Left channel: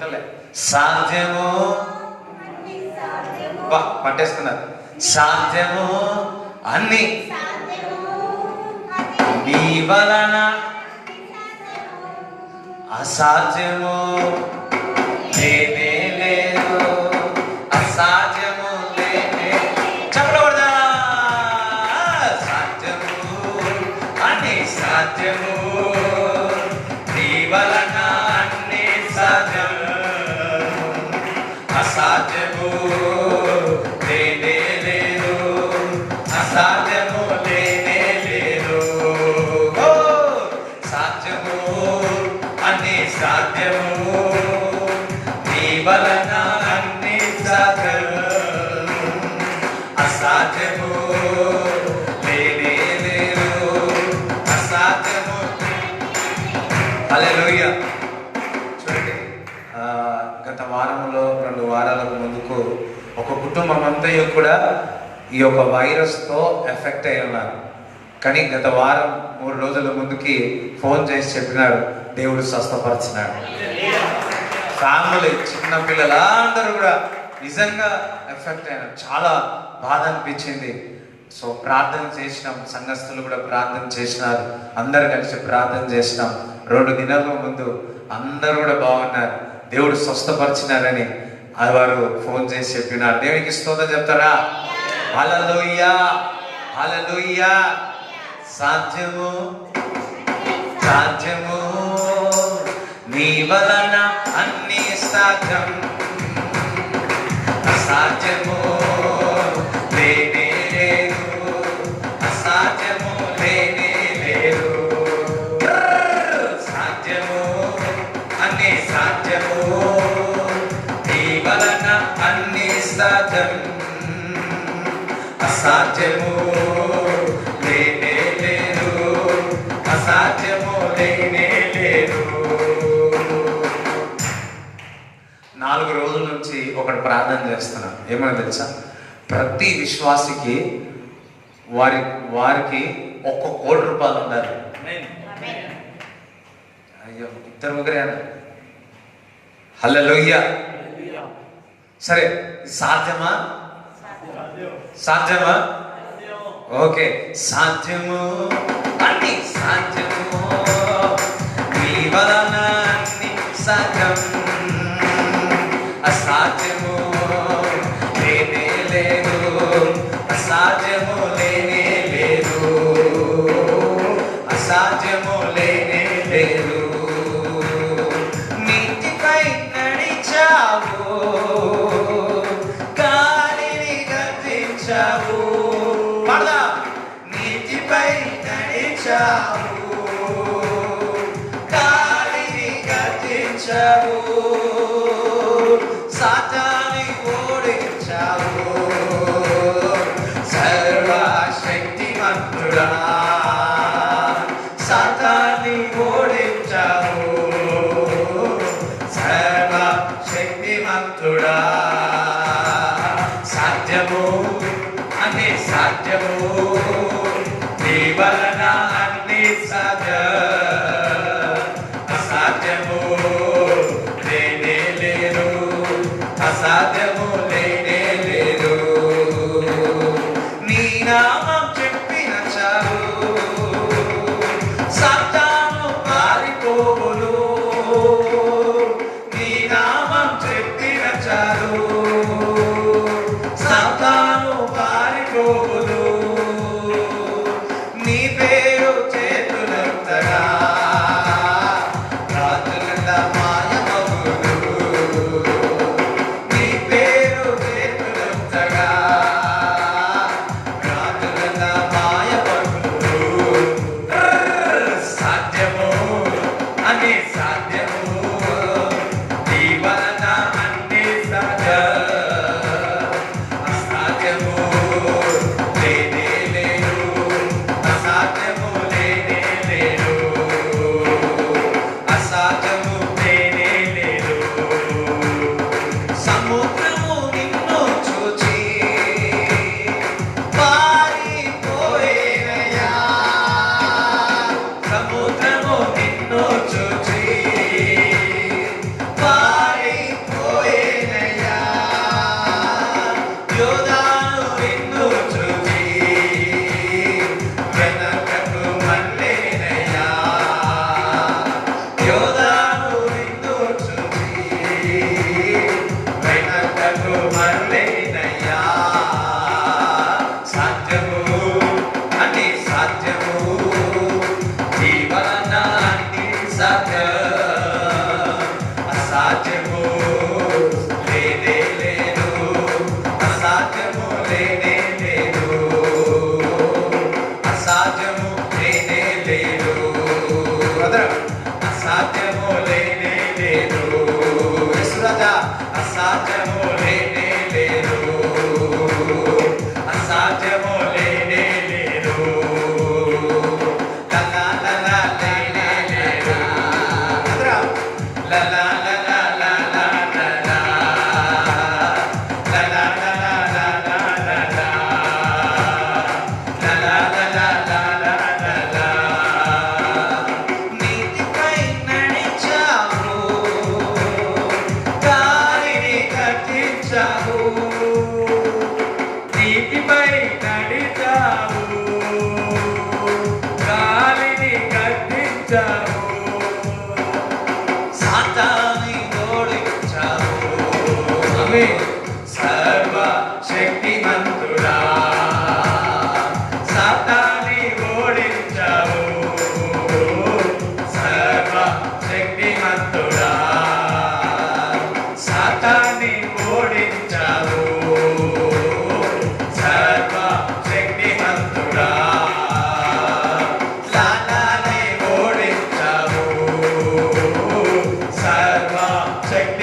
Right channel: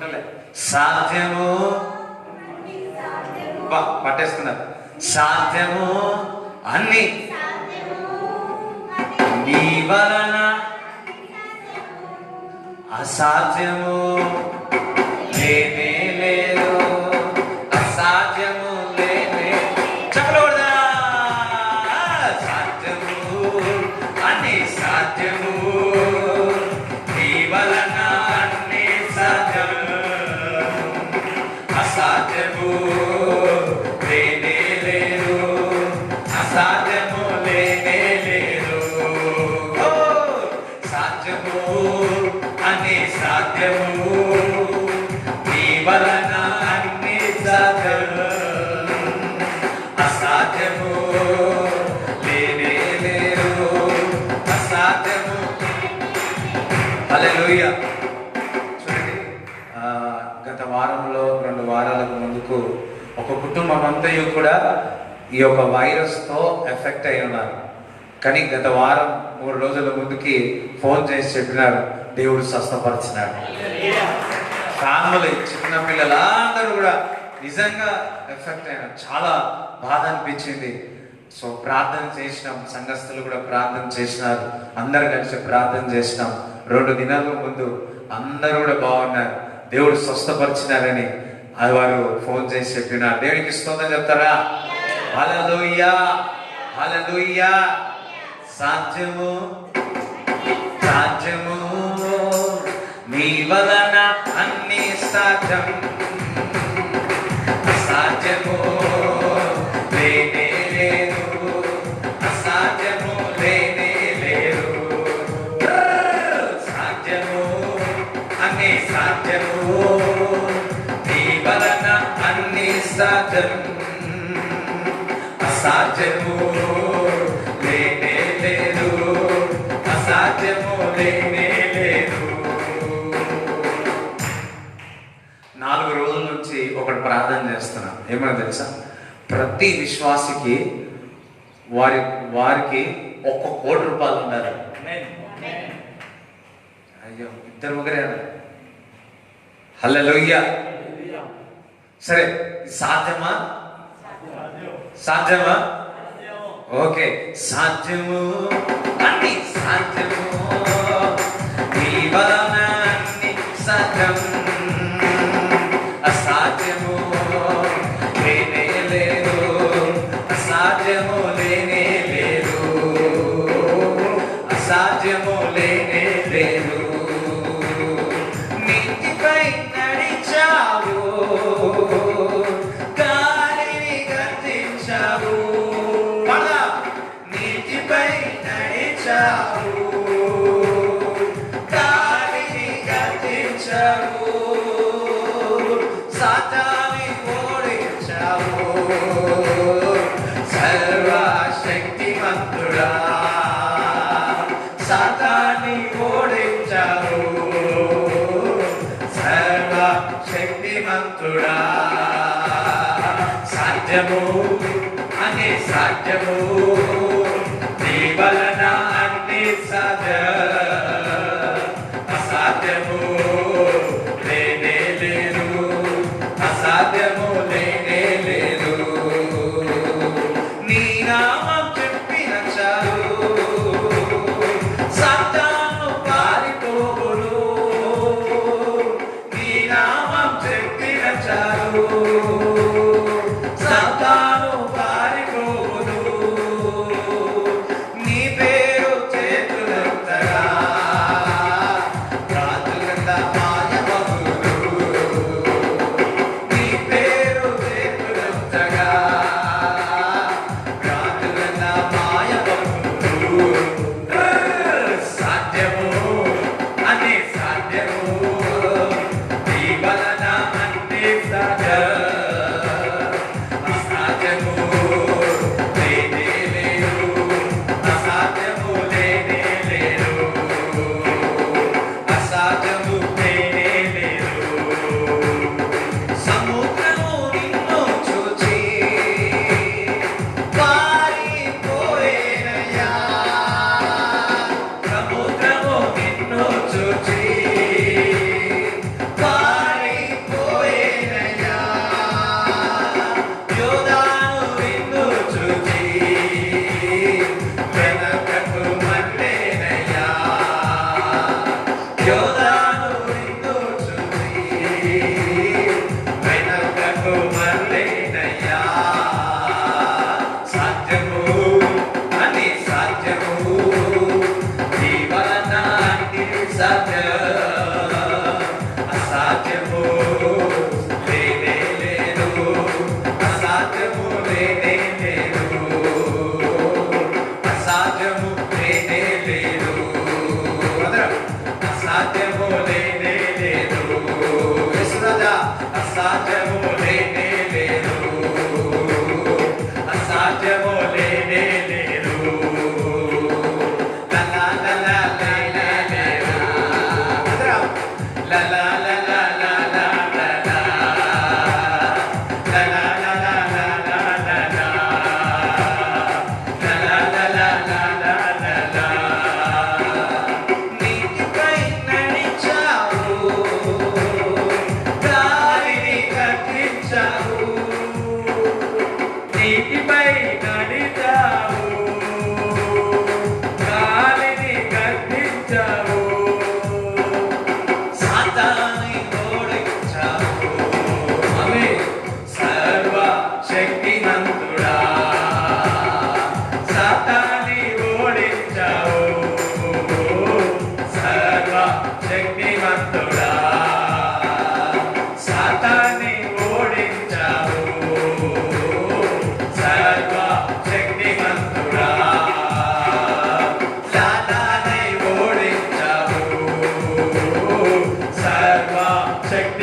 పట్టలే. సాధ్యము పట్టేసుకున్నారు. సాధ్యము అన్ని నీ వలన, అసాధ్యము లేనే లేదు, అసాధ్యము లేనే. చెప్పకూడదా? సాధ్యము అన్ని సాధ్యము, నీ వలన అన్ని సాధ్యము, అసాధ్యము లేనే లేదు, అసాధ్యము లేనే లేదు. సాధ్యము అన్ని సాధ్యము, నీ వలన అన్ని సాధ్యము, అసాధ్యము లేనే లేదు, అసాధ్యము. హల్లెలూయా. చూడండి, గత వారంలో 2 వారాలకు ముందుకు ఒక కుటుంబం అంతా కూడా ఈ యొక్క వైరస్తో ఎఫెక్ట్ అయి ఉన్నారు. కానీ గత వారం 3 రోజుల ముందుకి ఫోన్ చేసి చెప్పినారు, దేవుడు స్వస్థపరిచినాడు. ఫ్యామిలీ, చిన్న పిల్లలు అందరూ కూడా నిజంగా ఎఫెక్ట్ అయినారు. చాలా బాధ అనిపించింది. సో ప్రార్థన చేసినాం, సంఘస్థులు కూడా ప్రార్థన చేసినారు, అందరు కలిసి ప్రార్థన చేసినాం. 2 దినాల ముందు అందరూ కూడా బాగున్నారు, దేవుడు స్వస్థపరిచినారని అది వారు ఫోన్ చేసి చెప్పినారు. దేవునికి స్తోత్రం చెప్తారా? హల్లెలూయా, హల్లెలూయా. సాధ్యము సాధ్యము, నీ వలన అన్ని సాధ్యం, సాధ్యము లేనే లేదు, సాధ్యము లేనే లేదు, సాధ్యము అన్ని సాధ్యము, నీ వలన అన్ని సాధ్యం, అసాధ్యము లేనే లేదు, అసాధ్యము లేనే లేదు. 4 రోజుల నుంచి ఒకటి ప్రార్థన చేస్తున్నా. ఏమన్నా తెలుసా? ప్రతి విశ్వాసికి వారికి 1 కోటి రూపాయలు ఉన్నారు. అయ్యో, 2 ముగ్గురేనా? హల్లెలూయా. సరే, సాధ్యమా? సాధ్యమా? ఓకే. సాధ్యము అన్ని సాధ్యము, నీ వలన అన్ని సాధ్యం, అసాధ్యము లేనే లేదు, అసాధ్యము లేనే లేదు, అసాధ్యము లేనే లేదు. నీటిపై నడిచావు, గాలిని గద్దించావు, నీటిపై నడిచావు, గాలిని గద్దించావు, సాతాన్ని ఓడించావు, సర్వశక్తిమంతుడా, సాతాన్ని ఓడించావు, సర్వశక్తిమంతుడా. సాధ్యము అన్ని సాధ్యము, నీ వలన అన్ని సాధ్యం, అసాధ్యము లేనే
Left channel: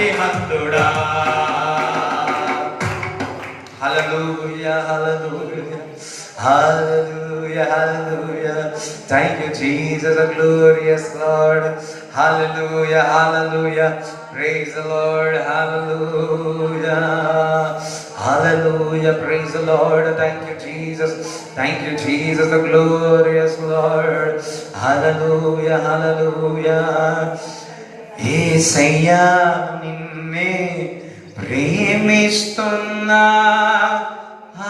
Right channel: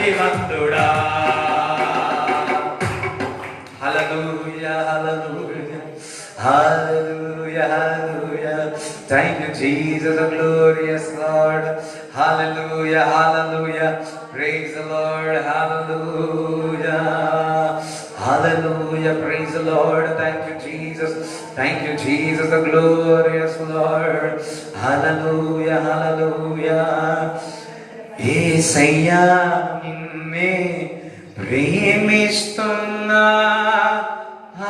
సర్వశక్తిమంతుడా. Hallelujah, hallelujah, hallelujah, hallelujah. Thank you, Jesus, the glorious Lord. Hallelujah, hallelujah. Praise the Lord, hallelujah, hallelujah. Praise the Lord. Thank you, Jesus. Thank you, Jesus, the glorious Lord. Hallelujah, hallelujah. యేసయ్యా నిన్నే ప్రేమిస్తున్నా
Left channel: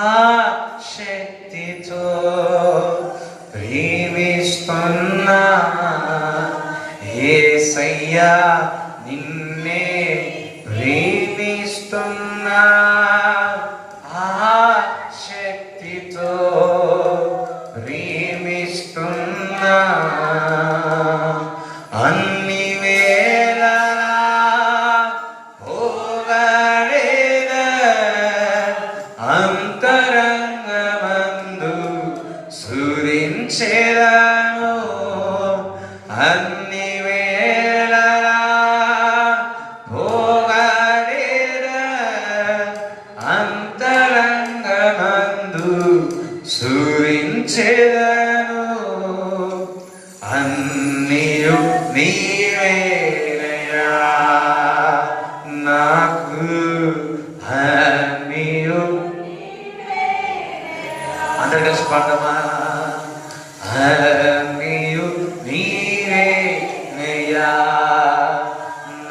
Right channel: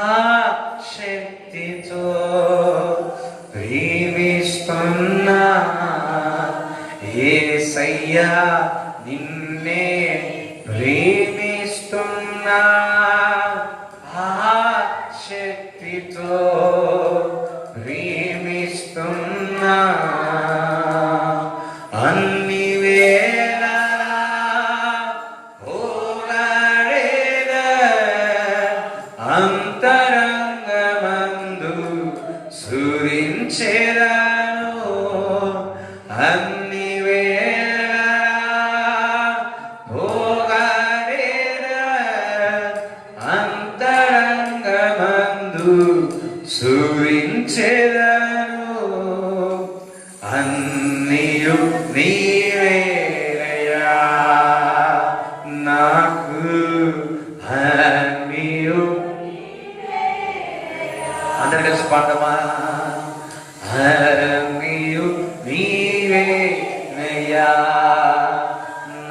ఆ శక్తితో ప్రేమిస్తున్నా. యేసయ్యా నిన్నే ప్రేమిస్తున్నా ఆ శక్తితో ప్రేమిస్తున్నా. అన్ని వేళలా అంతరంగమందు సురించెదను. అన్ని వేళలా అంతరంగమందు సురించెదను. అన్నియు నీవేనయ్యా నాకు, అన్నియు అందరికీ పాడమా. అన్నియు నీవేనయ్యా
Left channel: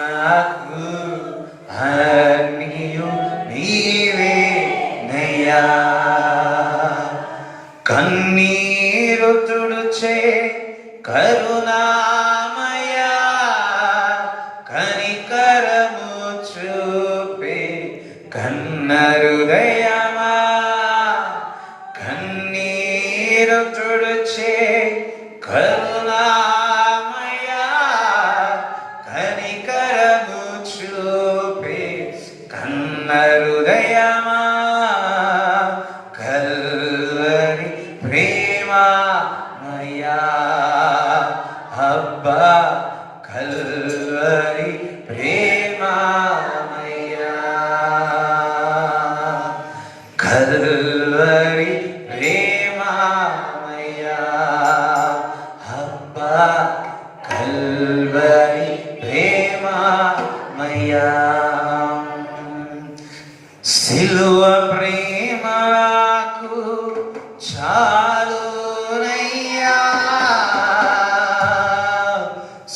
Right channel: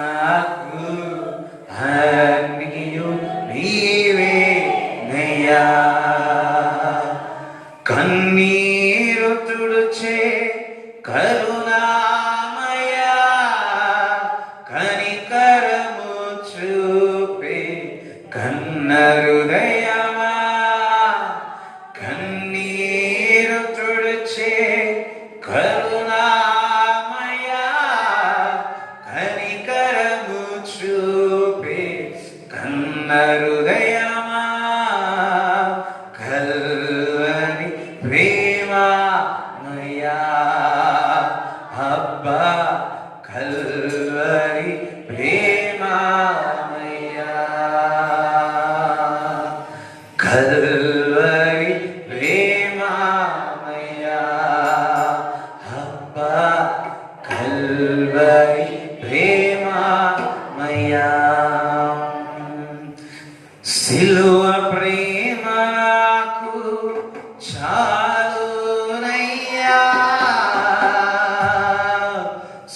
నాకు, అన్నియు నీవేనయ్యా. కన్నీరు తుడుచే కరుణామయా కనికరము చూపే కన్న హృదయమా. కన్నీరు తుడుచే కరుణామయా కనికరము చూపే కన్న హృదయమా. కల్వరి ప్రేమమయా అబ్బా కల్వరి ప్రేమమయా. కల్వరి ప్రేమమయా అబ్బా కల్వరి ప్రేమమయా. సిలువ ప్రేమకు చాలునయ్యా,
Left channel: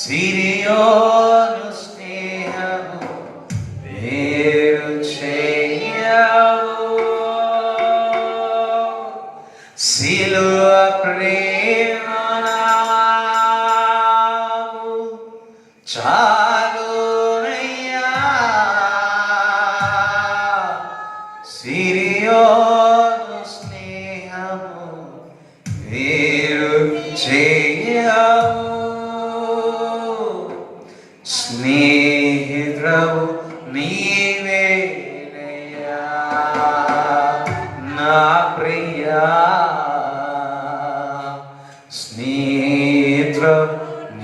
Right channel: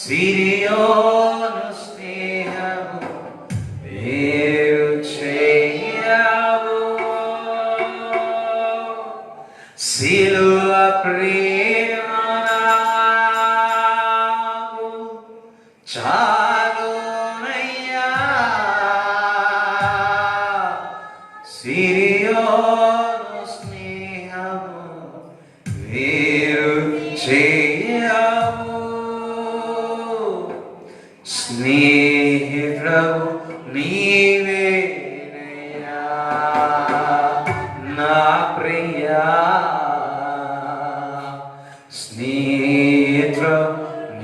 సిరియోను స్నేహము వేరు చేయవు. సిలువ ప్రేమ నాకు చాలునయ్యా, సిరియోను స్నేహము వేరు చేయవు. స్నేహితుడవు నీవేనయ్యా నా ప్రియా. స్నేహితుడవు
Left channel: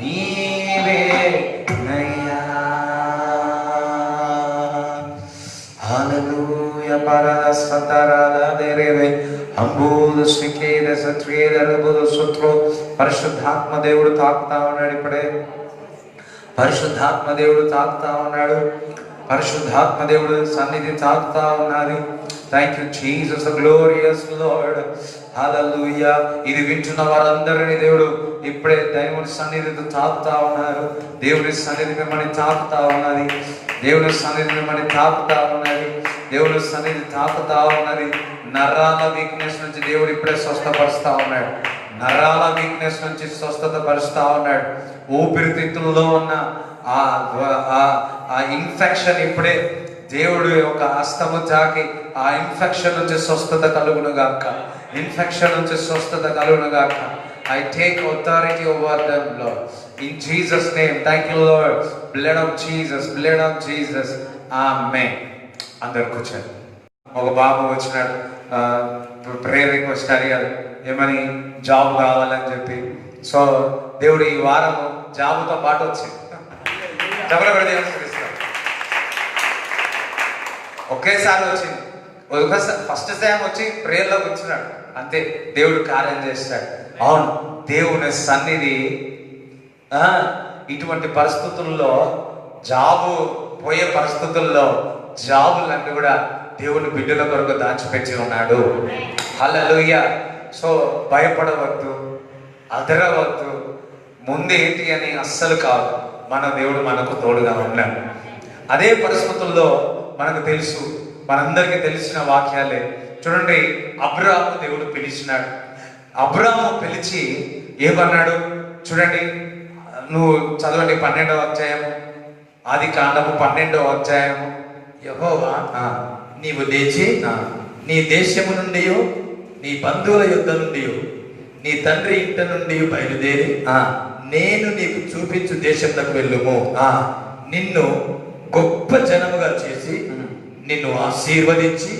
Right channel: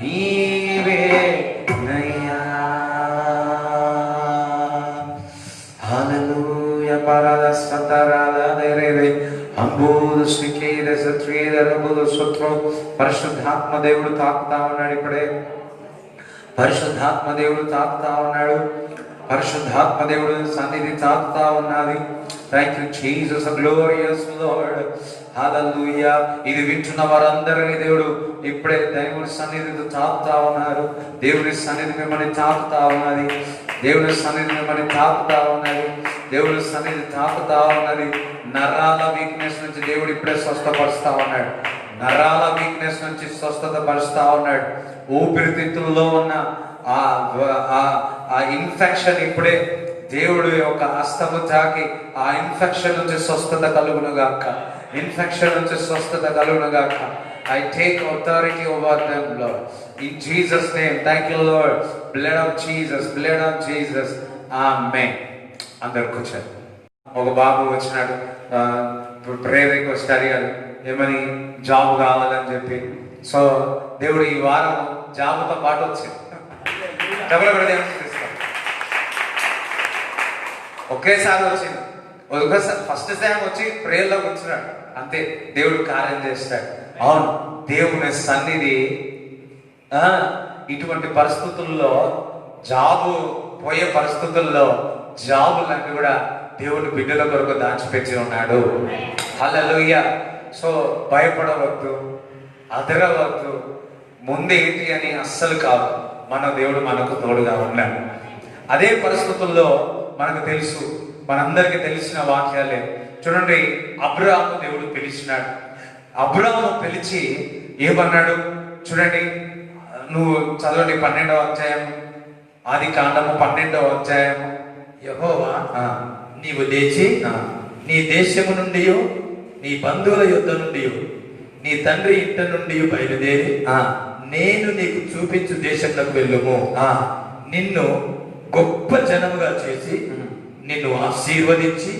నీవేనయ్యా. హల్లెలూయా. పరదస్తరాలదరేవే అంబూదు శ్రీకేద సత్వేద రబుదు సుత్రో. పరిశుద్ధాత్మ దేవుడు తాకుతా ఉన్నాడు ఇప్పుడే. పరిశుద్ధాత్మ దేవుడు తాకుతా ఉన్నాడు. పరిశుద్ధాత్మ దేవుడు సన్నిధి తాకుతా ఉన్నది. Thank you Jesus, glorious Lord. Hallelujah. ఇది వింటున్న వారందరినీ దేవుడు ఇప్పుడే దేవుడి సన్నిధితో తాకుతా ఉన్నారు. దేవుడి సన్నిధి మిమ్మల్ని తాకుతా ఉన్నది. దేవుడి సన్నిధి మిమ్మల్ని తాకుతా ఉన్నది. దేవుడి సన్నిధి తాకుతా ఉన్నది. నరాల వీక్నెస్ నుంచి దేవుడు ఇప్పుడే స్వస్థపరుస్తా ఉన్నాడు. నరాల వీక్నెస్ నుంచి స్వస్థత పరుస్తా ఉన్నాడు. ఊపిరితిత్తుల్లో ఉన్న ఆ ఇన్ఫెక్షన్ ఇప్పుడే దేవుడు యొక్క హస్తము తాకి ఆ ఇన్ఫెక్షన్ నుంచి స్వస్థత కలుగును గాక. ఇన్ఫెక్షన్ నుంచి స్వస్థత కలుగును గాక. I take authority over them, Lord. In Jesus' name, thank you, Lord. Blood of Jesus, blood of Jesus. Amen. అందరికి వచ్చారు. ఒక బాబు వచ్చినాడు, ప్రేయర్ రిక్వెస్ట్ అడిగారు, ఏమని జాబ్ కావాలని చెప్పి. సో దేవుడు ఈ వారం జాబుతో పాటు వచ్చింది. ఒకేసారి వచ్చింది. ఒకసారి ఫస్ట్ టైం వచ్చి ప్రేయర్లో కూర్చున్నాడు, అంతే, దేవుడు కార్యం చేస్తాడు. అవును, దేవుని సన్నిధి ఇటువంటి పరిస్థితుల్లో, జాబు పోయే పరిస్థితుల్లో జాబులన్నీ కూడా దేవుని బిడ్డల కొరకు దాచిపెట్టి ఉన్నాడు. హల్లెలూయా. సో భయపడవద్దు, అదరవద్దు, ముందేంటి అని అస్సలు కాదు. మన దేవుడు మనకు తోడుగా ఉన్నాడు. అదే పరిస్థితుల్లో మనకు తెలుసు, మనందరికీ తెలిసిన వాక్యాలే. చూడండి, అబ్రాహాము దేవుడు పిలిచినాడు. అబ్రాహాము పిలిచి ఏమన్నాడు చూడండి, నువ్వు చదవండి 12వ అధ్యాయం, ఆదికాండము 12వ అధ్యాయం. యెహోవా నీవు లేచి నీ దేశము నుండి, నీ బంధువుల యుద్ధ నుండి, నీ తండ్రి ఇంట నుండి బయలుదేరి నేను నీకు చూపించు దేశంలోకి వెళ్ళుము. నిన్ను గొప్ప జనముగా చేసి నిన్ను ఆశీర్వదించి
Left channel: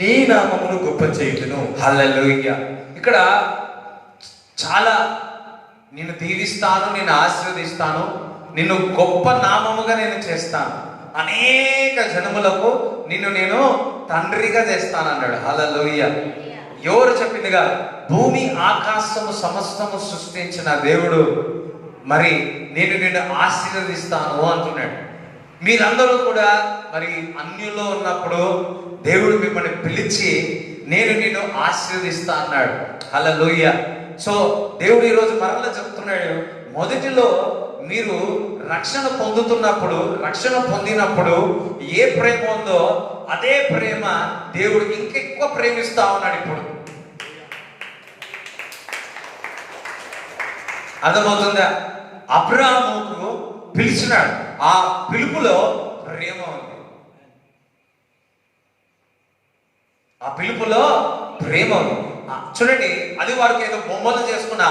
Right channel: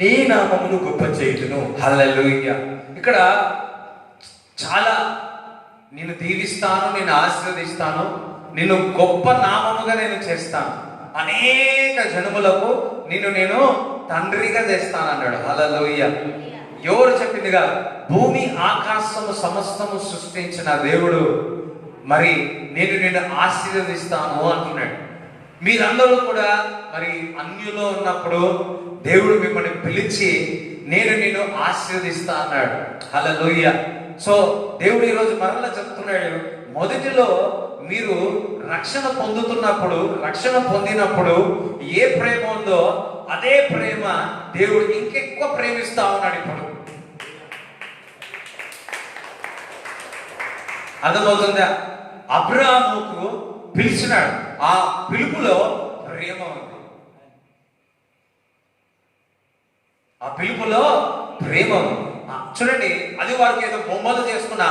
నీ నామమును గొప్ప చేయుదును. హల్లెలూయా. ఇక్కడ చాలా, నిన్ను దీవిస్తాను, నేను ఆశీర్వదిస్తాను, నిన్ను గొప్ప నామముగా నేను చేస్తాను, అనేక జనములకు నిన్ను నేను తండ్రిగా చేస్తాను అన్నాడు. హల్లెలూయా. ఎవరు చెప్పిందిగా? భూమి ఆకాశము సమస్తము సృష్టించిన దేవుడు మరి నేను నిన్ను ఆశీర్వదిస్తాను అంటున్నాడు. మీరందరూ కూడా మరి అన్యులో ఉన్నప్పుడు దేవుడు మిమ్మల్ని పిలిచి నేను నిన్ను ఆశీర్వదిస్తా అన్నాడు. హల్లెలూయా. సో దేవుడు ఈరోజు మరలా చెప్తున్నాడు, మొదటిలో మీరు రక్షణ పొందుతున్నప్పుడు, రక్షణ పొందినప్పుడు ఏ ప్రేమ ఉందో అదే ప్రేమ దేవుడు ఇంకెక్కువ ప్రేమిస్తా ఉన్నాడు. ఇప్పుడు అర్థమవుతుందా? అబ్రాహాముకు పిలిచినాడు, ఆ పిలుపులో ప్రేమ ఉంది. ఆ పిలుపులో ప్రేమ ఉంది. చూడండి, అది వారికి ఏదో బొమ్మలు చేసుకున్న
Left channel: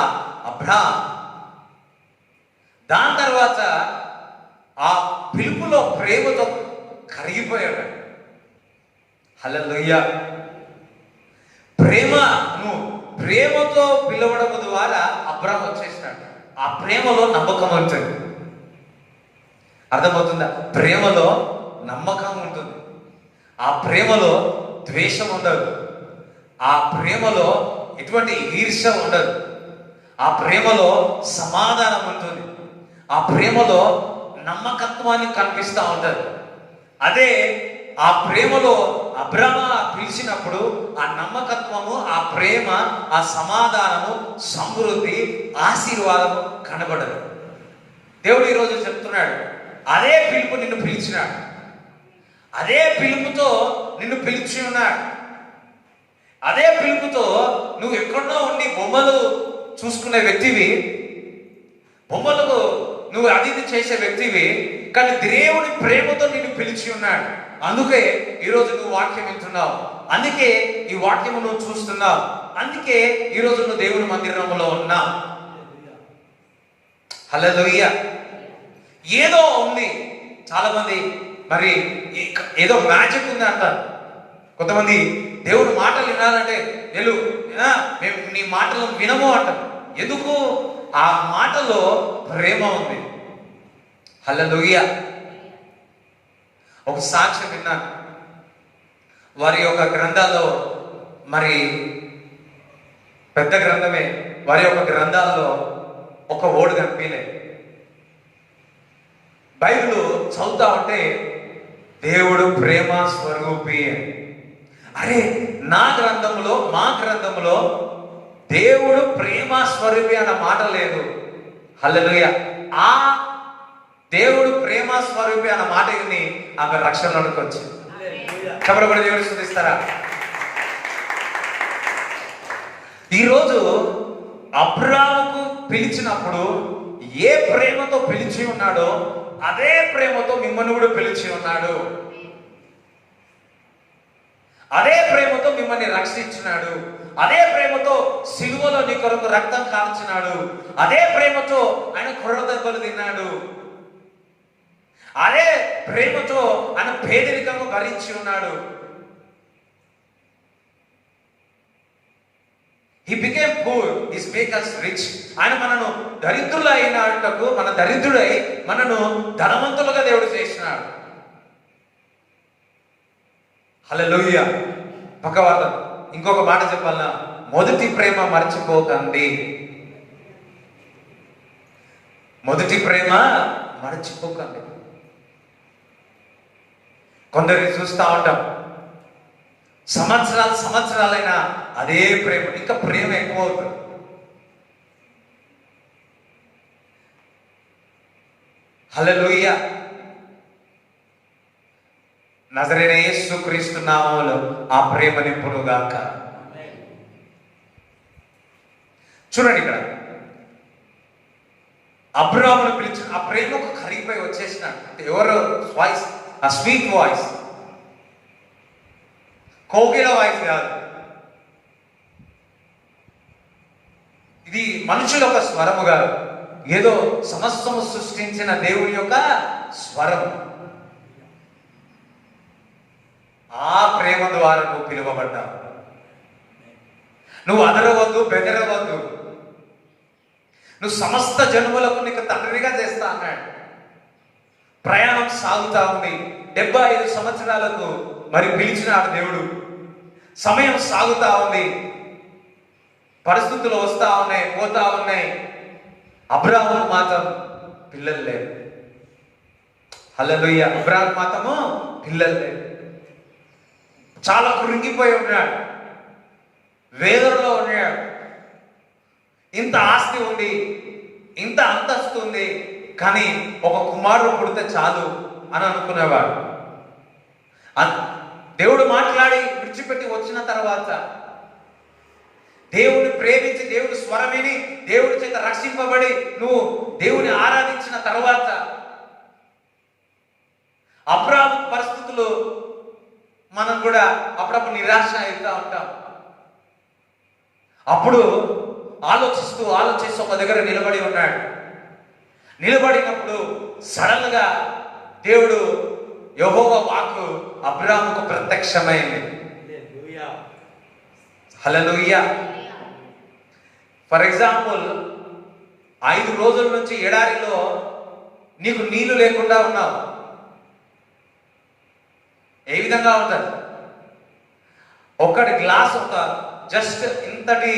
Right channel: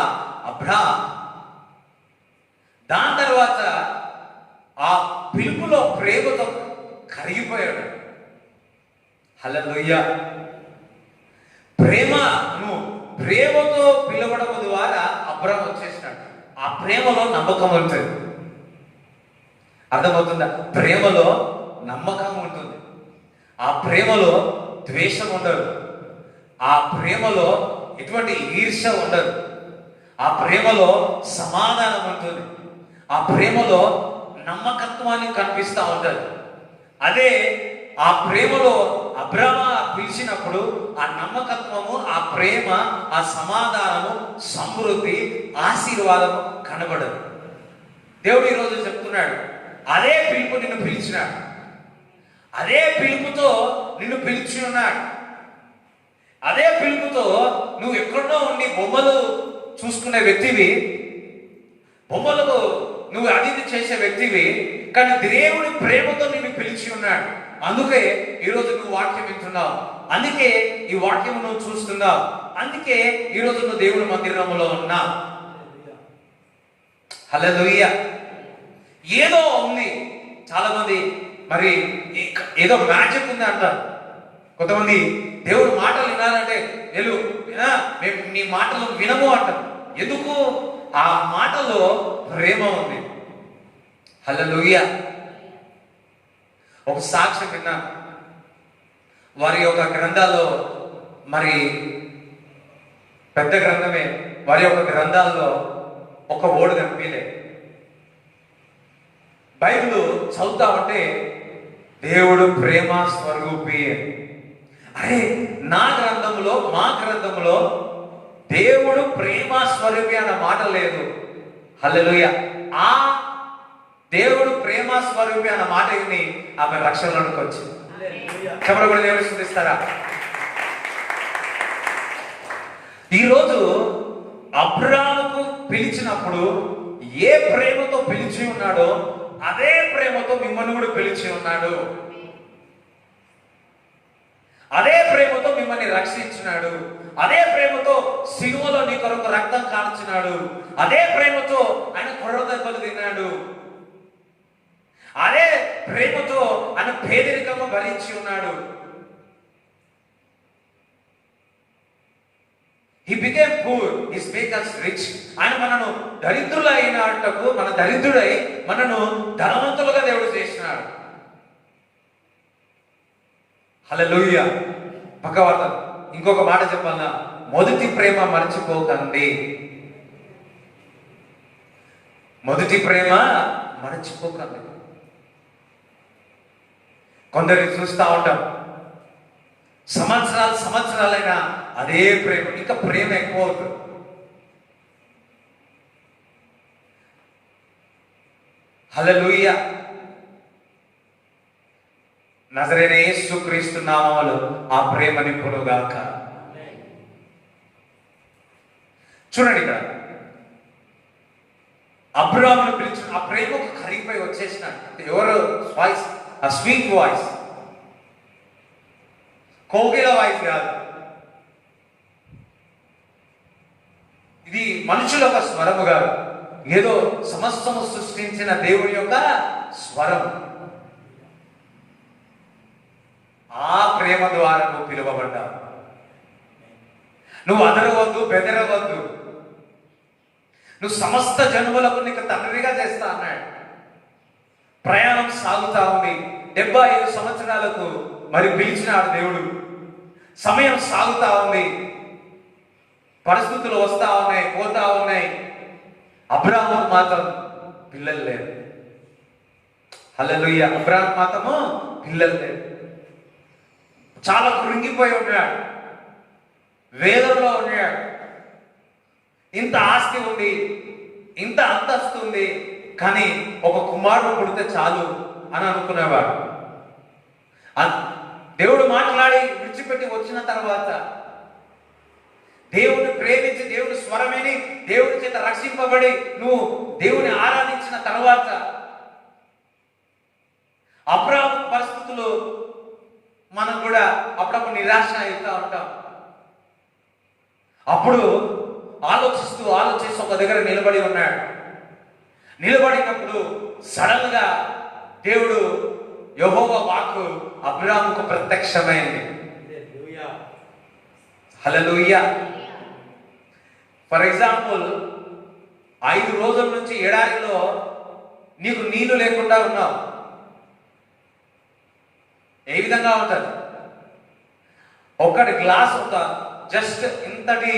అబ్రాహాం, దాని తర్వాత ఆ పిలుపులో ప్రేమతో కరిగిపోయాడు. హల్లెలూయా. ప్రేమతో పిలవడం ద్వారా అబ్రాహాం వచ్చేసినాడు. ఆ ప్రేమలో నమ్మకం ఉంటుంది. అర్థమవుతుందా? ప్రేమలో నమ్మకం ఉంటుంది. ఆ ప్రేమలో ద్వేషం ఉండదు. ఆ ప్రేమలో ఎటువంటి ఈర్ష్య ఉండదు. ఆ ప్రేమలో సమాధానం ఉంటుంది. ఆ ప్రేమలో నమ్మకత్వాన్ని కనిపిస్తూ ఉంటుంది. అదే ఆ ప్రేమలో అబ్రాహాము పిలిచినప్పుడు ఆ నమ్మకత్వము, ఆ ప్రేమ, ఆ సమాధానము, సమృద్ధి, ఆశీర్వాదము కనబడదు. దేవుడు ఈరోజు చెప్తున్నాడు, అదే పిలుపు నిన్ను పిలిచినాడు, అదే పిలుపుతో నిన్ను పిలిచి ఉన్నాడు. అదే పిలుపుతో నువ్వు ఎక్కడో ఉండి బొమ్మలు చూసుకునే వ్యక్తివి, బొమ్మలకు నువ్వు అది చేసే వ్యక్తివి, కానీ దేవుడి ప్రేమతో నిన్ను పిలిచి ఉన్నాడు. అందుకే ఈరోజు నువ్వు వాక్యం వింటున్నావు, అందుకే ఈ వాక్యం నువ్వు చూస్తున్నావు, అందుకే ఈరోజు నువ్వు దేవుని మందిరంలో ఉన్నావు. హల్లెలూయా. ఏదో ఉంది. చాలా మంది మరి ఏదో మ్యాజిక్ ఉంది అంటారు. కొంతమంది దేవుడు మాటలు వినాలంటే మేము నీ మాటలు వినము అంటారు. ఎందుకు? ఆ మాటలో ప్రేమ ఉంది. హల్లెలూయా. ఒక సాక్ష్యం విన్నాను. వారి యొక్క గ్రంథాల్లో, మరి పెద్ద గ్రంథమే, వారి యొక్క గ్రంథాల్లో ఒక ఓడు కనిపించలే. బైబిల్ చదువుతా ఉంటే దేవుడు ప్రేమ స్వరూపి. అరే, మా గ్రంథంలో దేవుడు ప్రేమ స్వరూపి అన్న మాట లేదు. హల్లెలూయా. ఆ దేవుడు ప్రేమ స్వరూపి అన్న మాట విని ఆమె రక్షణలోకి వచ్చింది. చెప్పడం కూడా దేవుడు స్తుతిస్తారా? ఈరోజు అబ్రాహాముకు పిలిచినప్పుడు ఏ ప్రేమతో పిలిచి ఉన్నాడో అదే ప్రేమతో మిమ్మల్ని కూడా పిలిచి ఉన్నాడు. అదే ప్రేమతో మిమ్మల్ని రక్షించినాడు. అదే ప్రేమతో సిలువలో నీ కొరకు రక్తం కార్చినాడు. అదే ప్రేమతో ఆయన కొర్ర దెబ్బలు తిన్నాడు. అదే ప్రేమతో ఆయన పేదరికము భరించి ఉన్నాడు. He became poor, he made us rich. ఆయన మనను దరిద్రులైనటకు, మన దరిద్రుడై మనను ధనవంతులుగా దేవుడు చేసినాడు. హల్లెలూయా. పక్కవాళ్ళ ఇంకొక మాట చెప్పాలన్నా, మొదటి ప్రేమ మర్చిపోకండి. మొదటి ప్రేమ మర్చిపోకండి. కొందరిని చూస్తూ ఉంటాం, సంవత్సరాలైనా అదే ప్రేమ, ఇంకా ప్రేమ ఎక్కువ అవుతుంది. హల్లెలూయా. నజరైన యేసుక్రీస్తు నామములో ఆ ప్రేమ నింపునుగాక. చూడండి, ఇక్కడ అబ్రాహామును పిలిచిన ఆ ప్రేమకు కరిగిపోయి వచ్చేసిన ఎవరో వాయిస్, ఆ స్వీట్ వాయిస్, కోకిల వాయిస్ కాదు, ఇది మనుషుల యొక్క స్వరము కాదు, ఏదో సమస్తము సృష్టించిన దేవుని యొక్క స్వరం. ఆ ప్రేమ ద్వారా నువ్వు పిలువబడ్డావు. నువ్వు అదరవద్దు, బెదరవద్దు. నువ్వు సమస్త జన్మలకు నీకు తండ్రిగా చేస్తా అన్నాడు. ప్రయాణం సాగుతా ఉంది. 75 సంవత్సరాలకు మరి పిలిచినాడు దేవుడు. సమయం సాగుతా ఉంది, పరిస్థితులు వస్తా ఉన్నాయి, పోతా ఉన్నాయి. అబ్రాహాము మాత్రం పిల్లలు లేరు. హల్లెలూయా. అబ్రాహాము మాత్రము పిల్లలు లేరు. చాలా కృంగిపోయి ఉన్నాడు, వేదనలో ఉన్నాడు. ఇంత ఆస్తి ఉంది, ఇంత అంతస్తు ఉంది, కానీ ఒక కుమారుడు పుడితే చాలు అని అనుకునేవాడు. దేవుడు మాట్లాడి విడిచిపెట్టి వచ్చిన తర్వాత, దేవుని ప్రేమించి దేవుడి స్వరమిని దేవుడి చేత రక్షింపబడి నువ్వు దేవుని ఆరాధించిన తర్వాత, అబ్రాహాము పరిస్థితులు మనం కూడా అప్పుడప్పుడు నిరాశ అవుతూ ఉంటాం. అప్పుడు ఆలోచిస్తూ ఒక దగ్గర నిలబడి ఉన్నాడు. నిలబడినప్పుడు సడన్ గా దేవుడు యెహోవా వాక్కు అబ్రాహాముకు ప్రత్యక్షమైంది. హల్లెలూయా. ఫర్ ఎగ్జాంపుల్, 5 రోజుల నుంచి ఎడారిలో నీకు నీళ్లు లేకుండా ఉన్నావు. ఏ విధంగా ఉంటుంది? ఒక్కటి గ్లాస్, ఒక జస్ట్ ఇంతటి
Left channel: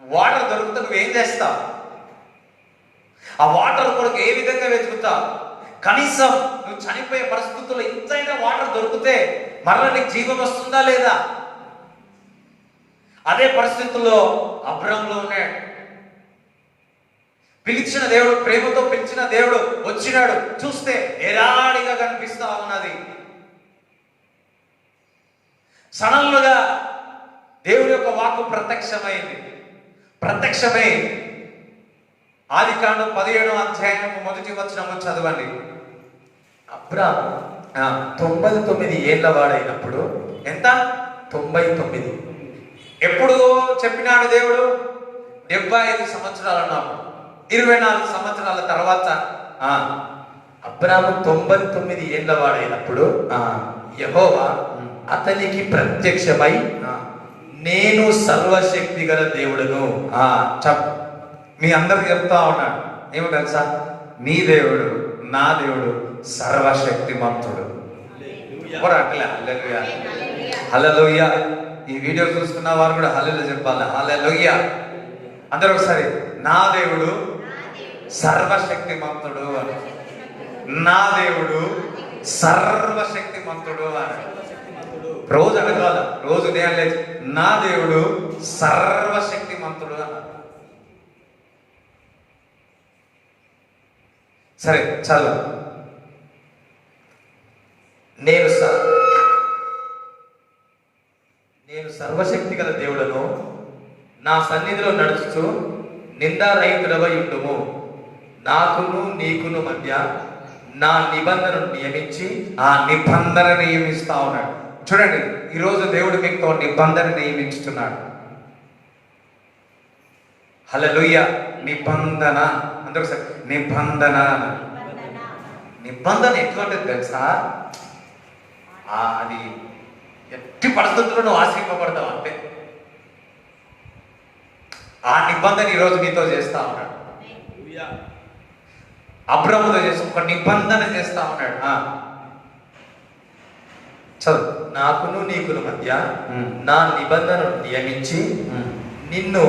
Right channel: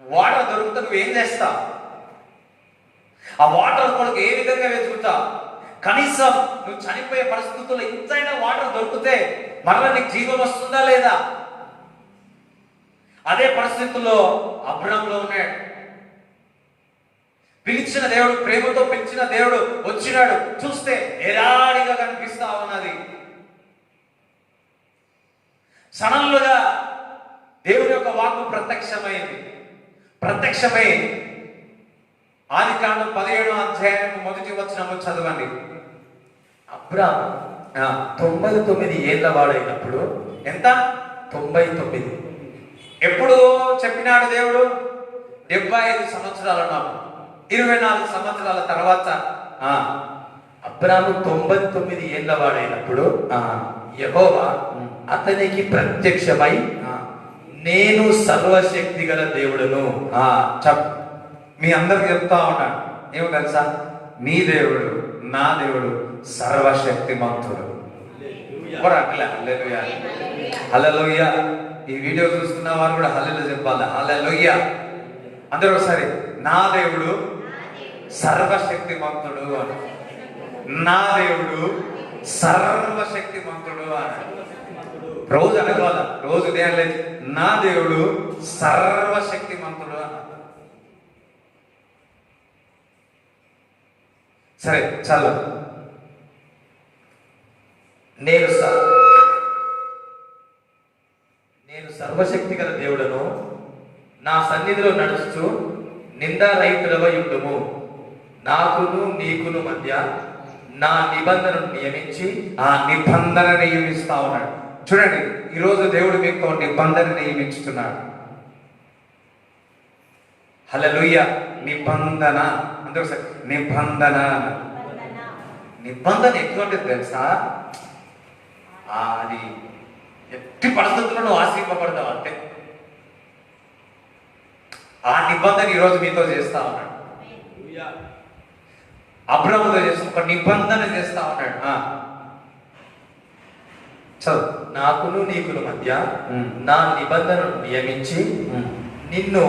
వాటర్ దొరికితే నువ్వేం చేస్తావు? ఆ వాటర్ కొరకు ఏ విధంగా వెతుకుతావు? కనీసం నువ్వు చనిపోయే పరిస్థితుల్లో ఇంతైనా వాటర్ దొరికితే మరలా నీకు జీవం వస్తుందా లేదా? అదే పరిస్థితుల్లో అబ్రాహాములో ఉన్నాడు. పిలిచిన దేవుడు, ప్రేమతో పిలిచిన దేవుడు వచ్చినాడు. చూస్తే ఎలాడిగా కనిపిస్తా ఉన్నది. సడన్లుగా దేవుడి యొక్క వాక్కు ప్రత్యక్షమైంది. ప్రత్యక్షమై ఆదికాండం 17వ అధ్యాయం 1వ వచనం చదవండి. అబ్రాహాము 99 ఏళ్ల వాడైనప్పుడు, ఎంత? 99. ఎప్పుడు చెప్పినాడు దేవుడు? 75 సంవత్సరాలు ఉన్నప్పుడు, 24 సంవత్సరాల తర్వాత అబ్రాహాము 99 ఏళ్ల వాడైనప్పుడు యెహోవా అతనికి ప్రత్యక్షమై, నేను సర్వశక్తి గల దేవుడును. మీ అందరికి చెప్తా ఉన్నాడు. ఏమో తెలుసా? నీ దేవుడు, నా దేవుడు సర్వశక్తిమంతుడు. హల్లెలూయా. ఈ వీడియో చూస్తున్న వారు కూడా హల్లెలూయా చెప్పాలి. హల్లెలూయా. అందరూ ఒకసారి, నా దేవుడు సర్వశక్తిమంతుడు అని. నా దేవుడు సర్వశక్తిమంతుడు అని రోజు అనగాల, రోజు ఉదయం లేచి నా దేవుడు సర్వశక్తిమంతుడు అని. సరే చల్ల. నేను సర్వశక్తి గల దేవుడను, నా సన్నిధిలో నడుస్తూ నిందారహితులవై ఉండుము. నాకును నీకును మధ్య నా నిబంధనను నియమించి, ఆ నిబంధన నియమిస్తా ఉన్నాడు. చూడండి, ఈరోజు దేవుడు మీకు నిబంధన నియమించుతున్నాడు. హల్లెలూయా. నిబంధన అందరూ నిబంధన. నిబంధన ఎటువంటిది తెలుసా? అది ఎట్టి పరిస్థితుల్లో నువ్వు ఆశ్రయింపబడతావు అంటే ఆ నిబంధన ఈరోజు నీతో చేస్తా ఉన్నాడు. అబ్రాహాముతో చేసి ఒక నిబంధన చేస్తా ఉన్నాడు. చదువు. నాకును నీకును మధ్య ఉమ్. నా నిబంధనను నియమించి నిన్ను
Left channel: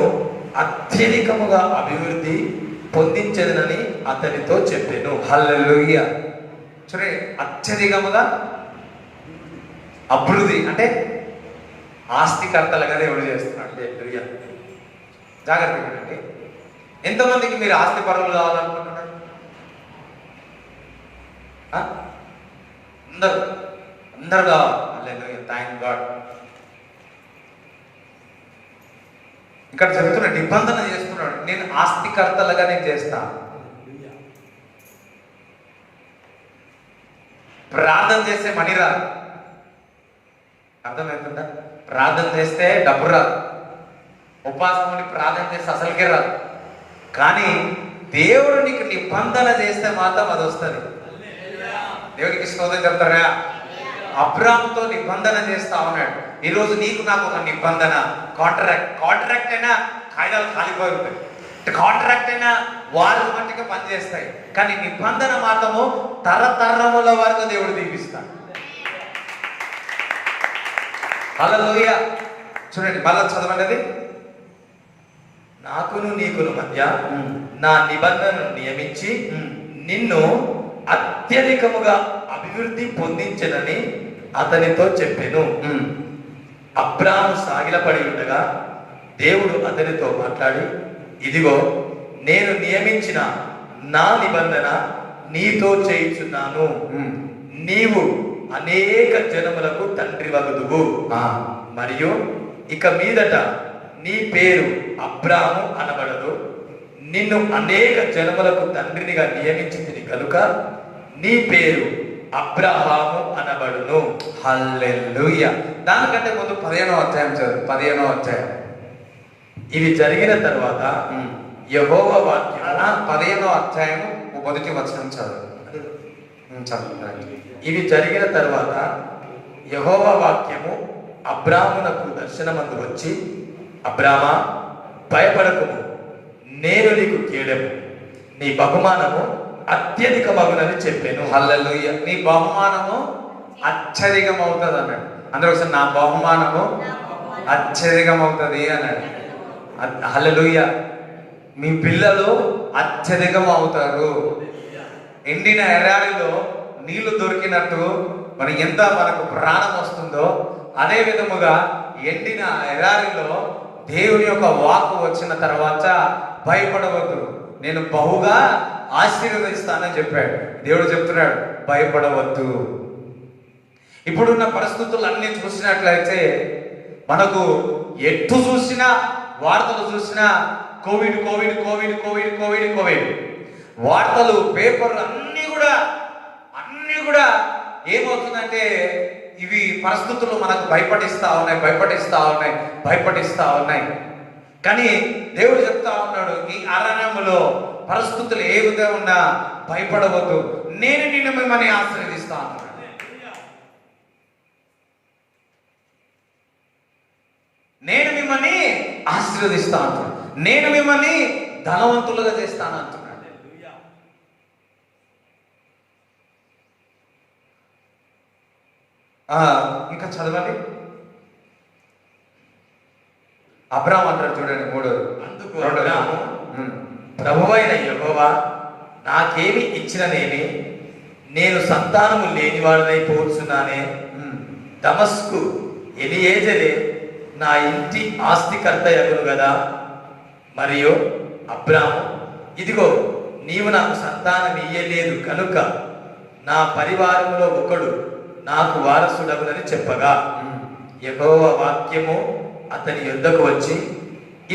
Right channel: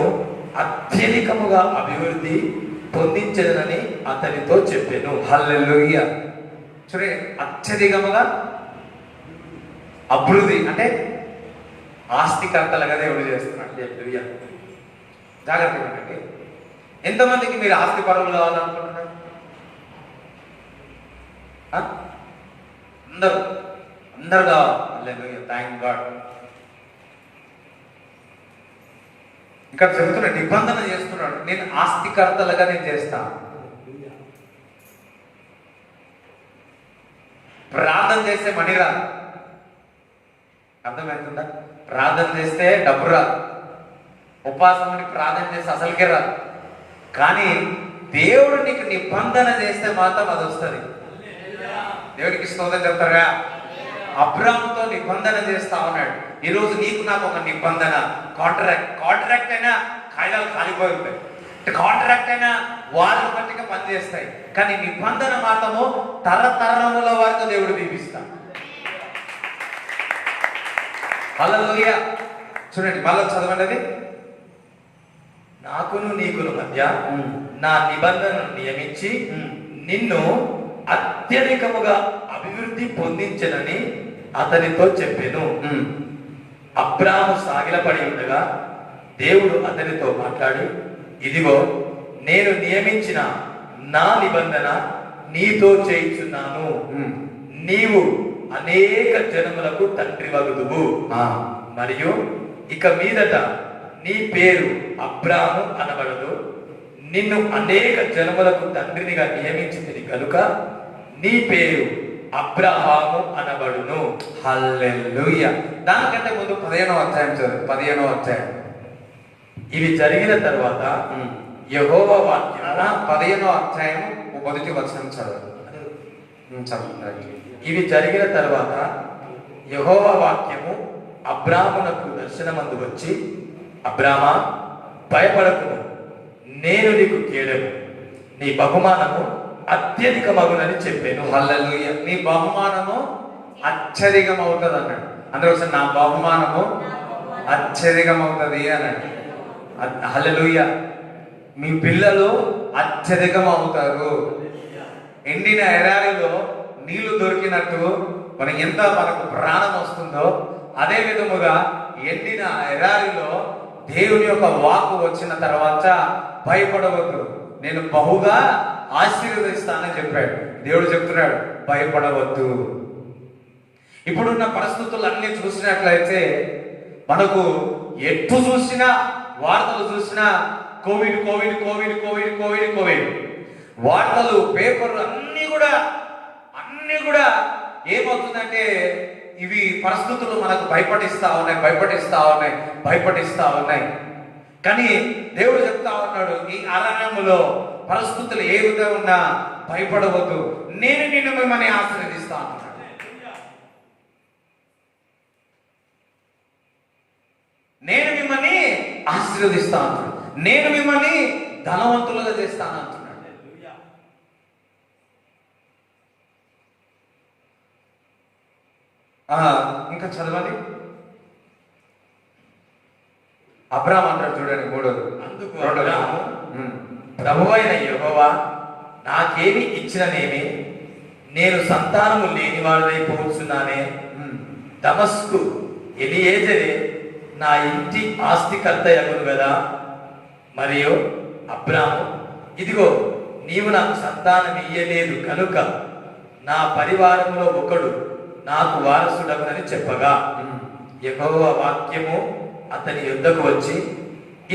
అత్యధికముగా అభివృద్ధి పొందించదనని అతనితో చెప్పాను. హల్లెలూయా. చూడండి, అత్యధికముగా అభివృద్ధి అంటే ఆస్తికర్తలుగా దేవుడు చేస్తున్నాడు. హల్లెలూయా. జాగ్రత్తగా వినండి. ఎంతమందికి మీరు ఆస్తి పరులు కావాలనుకుంటున్నారు? ఆ? అందరూ అందరు కావాలి. హల్లెలూయా, థాంక్ గాడ్. ఇక్కడ చెబుతున్న నిబంధన చేస్తున్నాడు, నేను ఆస్తికర్తలుగా నేను చేస్తా. ప్రార్థన చేస్తే మనీ రా, అర్థమవుతుందా? ప్రార్థన చేస్తే డబ్బు రా, ఉపవాసం ఉండి ప్రార్థన చేస్తే అసలుకే రా. కానీ దేవుడు నీకు నిబంధన చేస్తే మాత్రం అది వస్తుంది. దేవుడికి స్తోత్రం చెప్తారా? అబ్రాహాముతో నిబంధన చేస్తా ఉన్నాడు. ఈరోజు నీకు నాకు ఒక నిబంధన, కాంట్రాక్ట్ అయినా కాగితాలు కాలిపోయి ఉంటాయి, కాంట్రాక్ట్ అయినా వాళ్ళు మట్టిగా పనిచేస్తాయి, కానీ నిబంధన మాత్రము తరతరముల వరకు దేవుడు దీపిస్తాడు. హల్లెలూయా. చూడండి, మళ్ళీ చదవండి. నాకును నీకుల మధ్య నా నిబంధనను నియమించి నిన్ను అత్యధికముగా అభివృద్ధి పొందించనని అతనితో చెప్పాను. అబ్రాహాము సాగిలపడి ఉండగా దేవుడు అతనితో మాట్లాడి, ఇదిగో నేను నియమించిన నా నిబంధన నీతో చేయుచున్నాను. నీవు అనేక జనములకు తండ్రి వగుదువు. మరియు ఇక మీదట నీ పేరు అబ్రాహాము అనబడదు, నిన్ను అనేక జనములకు తండ్రినిగా నియమించింది కనుక నీ పేరు అబ్రహాము అనబడును. హల్లెలూయా. దానికంటే ముందు 15వ అధ్యాయం చదువు. 15వ అధ్యాయం. ఇవి జరిగిన తర్వాత యెహోవా వాక్యం 15వ అధ్యాయం మొదటి వచనం చదువు. ఇవి జరిగిన తర్వాత యెహోవా వాక్యము అబ్రాహామునకు దర్శనమందు వచ్చి, అబ్రామా, భయపడకుము, నేను నీకు కేడెము, నీ బహుమానము అత్యధికమగునని చెప్పాను. హల్లెలూయా. నీ బహుమానము అత్యధికం అవుతుంది అన్నాడు. అందరూ ఒకసారి నా బహుమానము అత్యధికం అవుతుంది అన్నాడు. హల్లెలూయా. మీ పిల్లలు అత్యధికం అవుతారు. ఎండిన ఎడారిలో నీళ్లు దొరికినట్టు మనకు ప్రాణం వస్తుందో అదే విధముగా ఎండిన ఎడారిలో దేవుని యొక్క వాక్కు వచ్చిన తర్వాత భయపడవద్దు, నేను బహుగా ఆశీర్వదిస్తానని చెప్పాడు. దేవుడు చెప్తున్నాడు, భయపడవద్దు. ఇప్పుడున్న పరిస్థితులు అన్ని చూసినట్లయితే మనకు ఎటు చూసినా వార్తలు చూసినా Covid Covid Covid Covid Covid Covid వార్తలు, పేపర్లు అన్ని కూడా ఏమవుతుందంటే ఇవి పరిస్థితులు మనకు భయపడిస్తా ఉన్నాయి. కానీ దేవుడు చెప్తా ఉన్నాడు, ఈ అరణ్యములో పరిస్థితులు ఏ విధంగా ఉన్నా భయపడవద్దు, నేను నిన్ను మిమ్మల్ని ఆశీర్వదిస్తాను. నేను మిమ్మల్ని ఆశీర్వదిస్తాను, నేను మిమ్మల్ని ధనవంతులుగా చేస్తాను అంటున్నాడు. ఇంకా చదవండి. అబ్రాహాము అంటాడు చూడండి, 3. అందుకు అబ్రాహాము, ప్రభువైన యెహోవా నాకేమి ఇచ్చిననేమి, నేను సంతానము లేనివాడినైపోతున్నానే. దమస్కు ఎలియేజరే నా ఇంటి ఆస్తికర్త యగును గదా. మరియు అబ్రాహాము, ఇదిగో నీవు నాకు సంతానం ఇయ్యలేదు కనుక నా పరివారంలో ఒకడు నాకు వారసుడగునని చెప్పగా, యెహోవా వాక్యము అతని యుద్ధకు వచ్చి,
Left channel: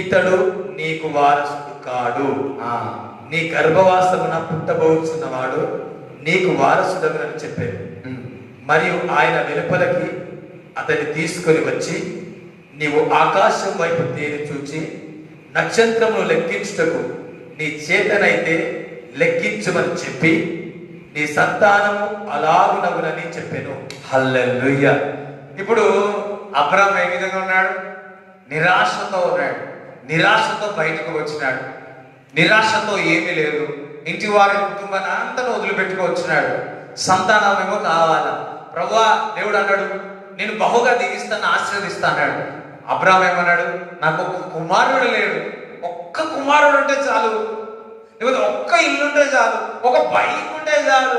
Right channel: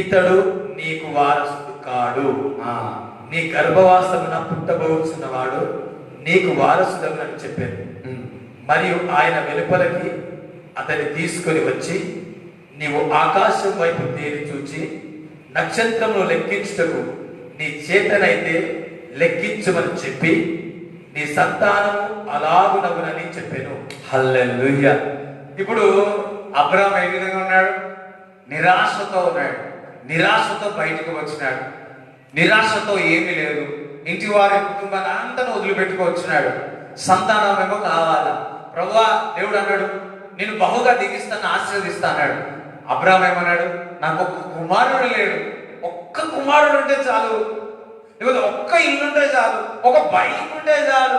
ఇతడు నీకు వారసుడు కాడు, నీ గర్భవాసమున పుట్టబోచున్నవాడు నీకు వారసుడగునని చెప్పాడు. మరియు ఆయన వెలుపలకి అతన్ని తీసుకొని వచ్చి, నీవు ఆకాశం వైపు తేరి చూచి నక్షత్రమును లెక్కించుటకు నీ చేతనైతే లెక్కించమని చెప్పి, నీ సంతానము అలాగునగునని చెప్పాను. హల్లెలూయా. ఇప్పుడు అబ్రాహాము ఏ విధంగా ఉన్నాడు? నిరాశతో ఉన్నాడు. నిరాశతో బయటకు వచ్చినాడు. నిరాశతో ఏమీ లేదు. ఇంటి వారి కుటుంబాన్ని అంతా వదిలిపెట్టుకు వచ్చినాడు. సంతానం ఏమో కావాలా, ప్రభువా దేవుడు అన్నాడు నేను బహుగా దీవిస్తాను ఆశీర్వదిస్తా అన్నాడు. అబ్రాహాం ఏమన్నాడు, నాకు ఒక కుమారుడు లేడు, ఒక్క కుమారుడు ఉంటే చాలు, లేకపోతే ఒక్క ఇల్లు ఉంటే చాలు, ఒక బైక్ ఉంటే చాలు,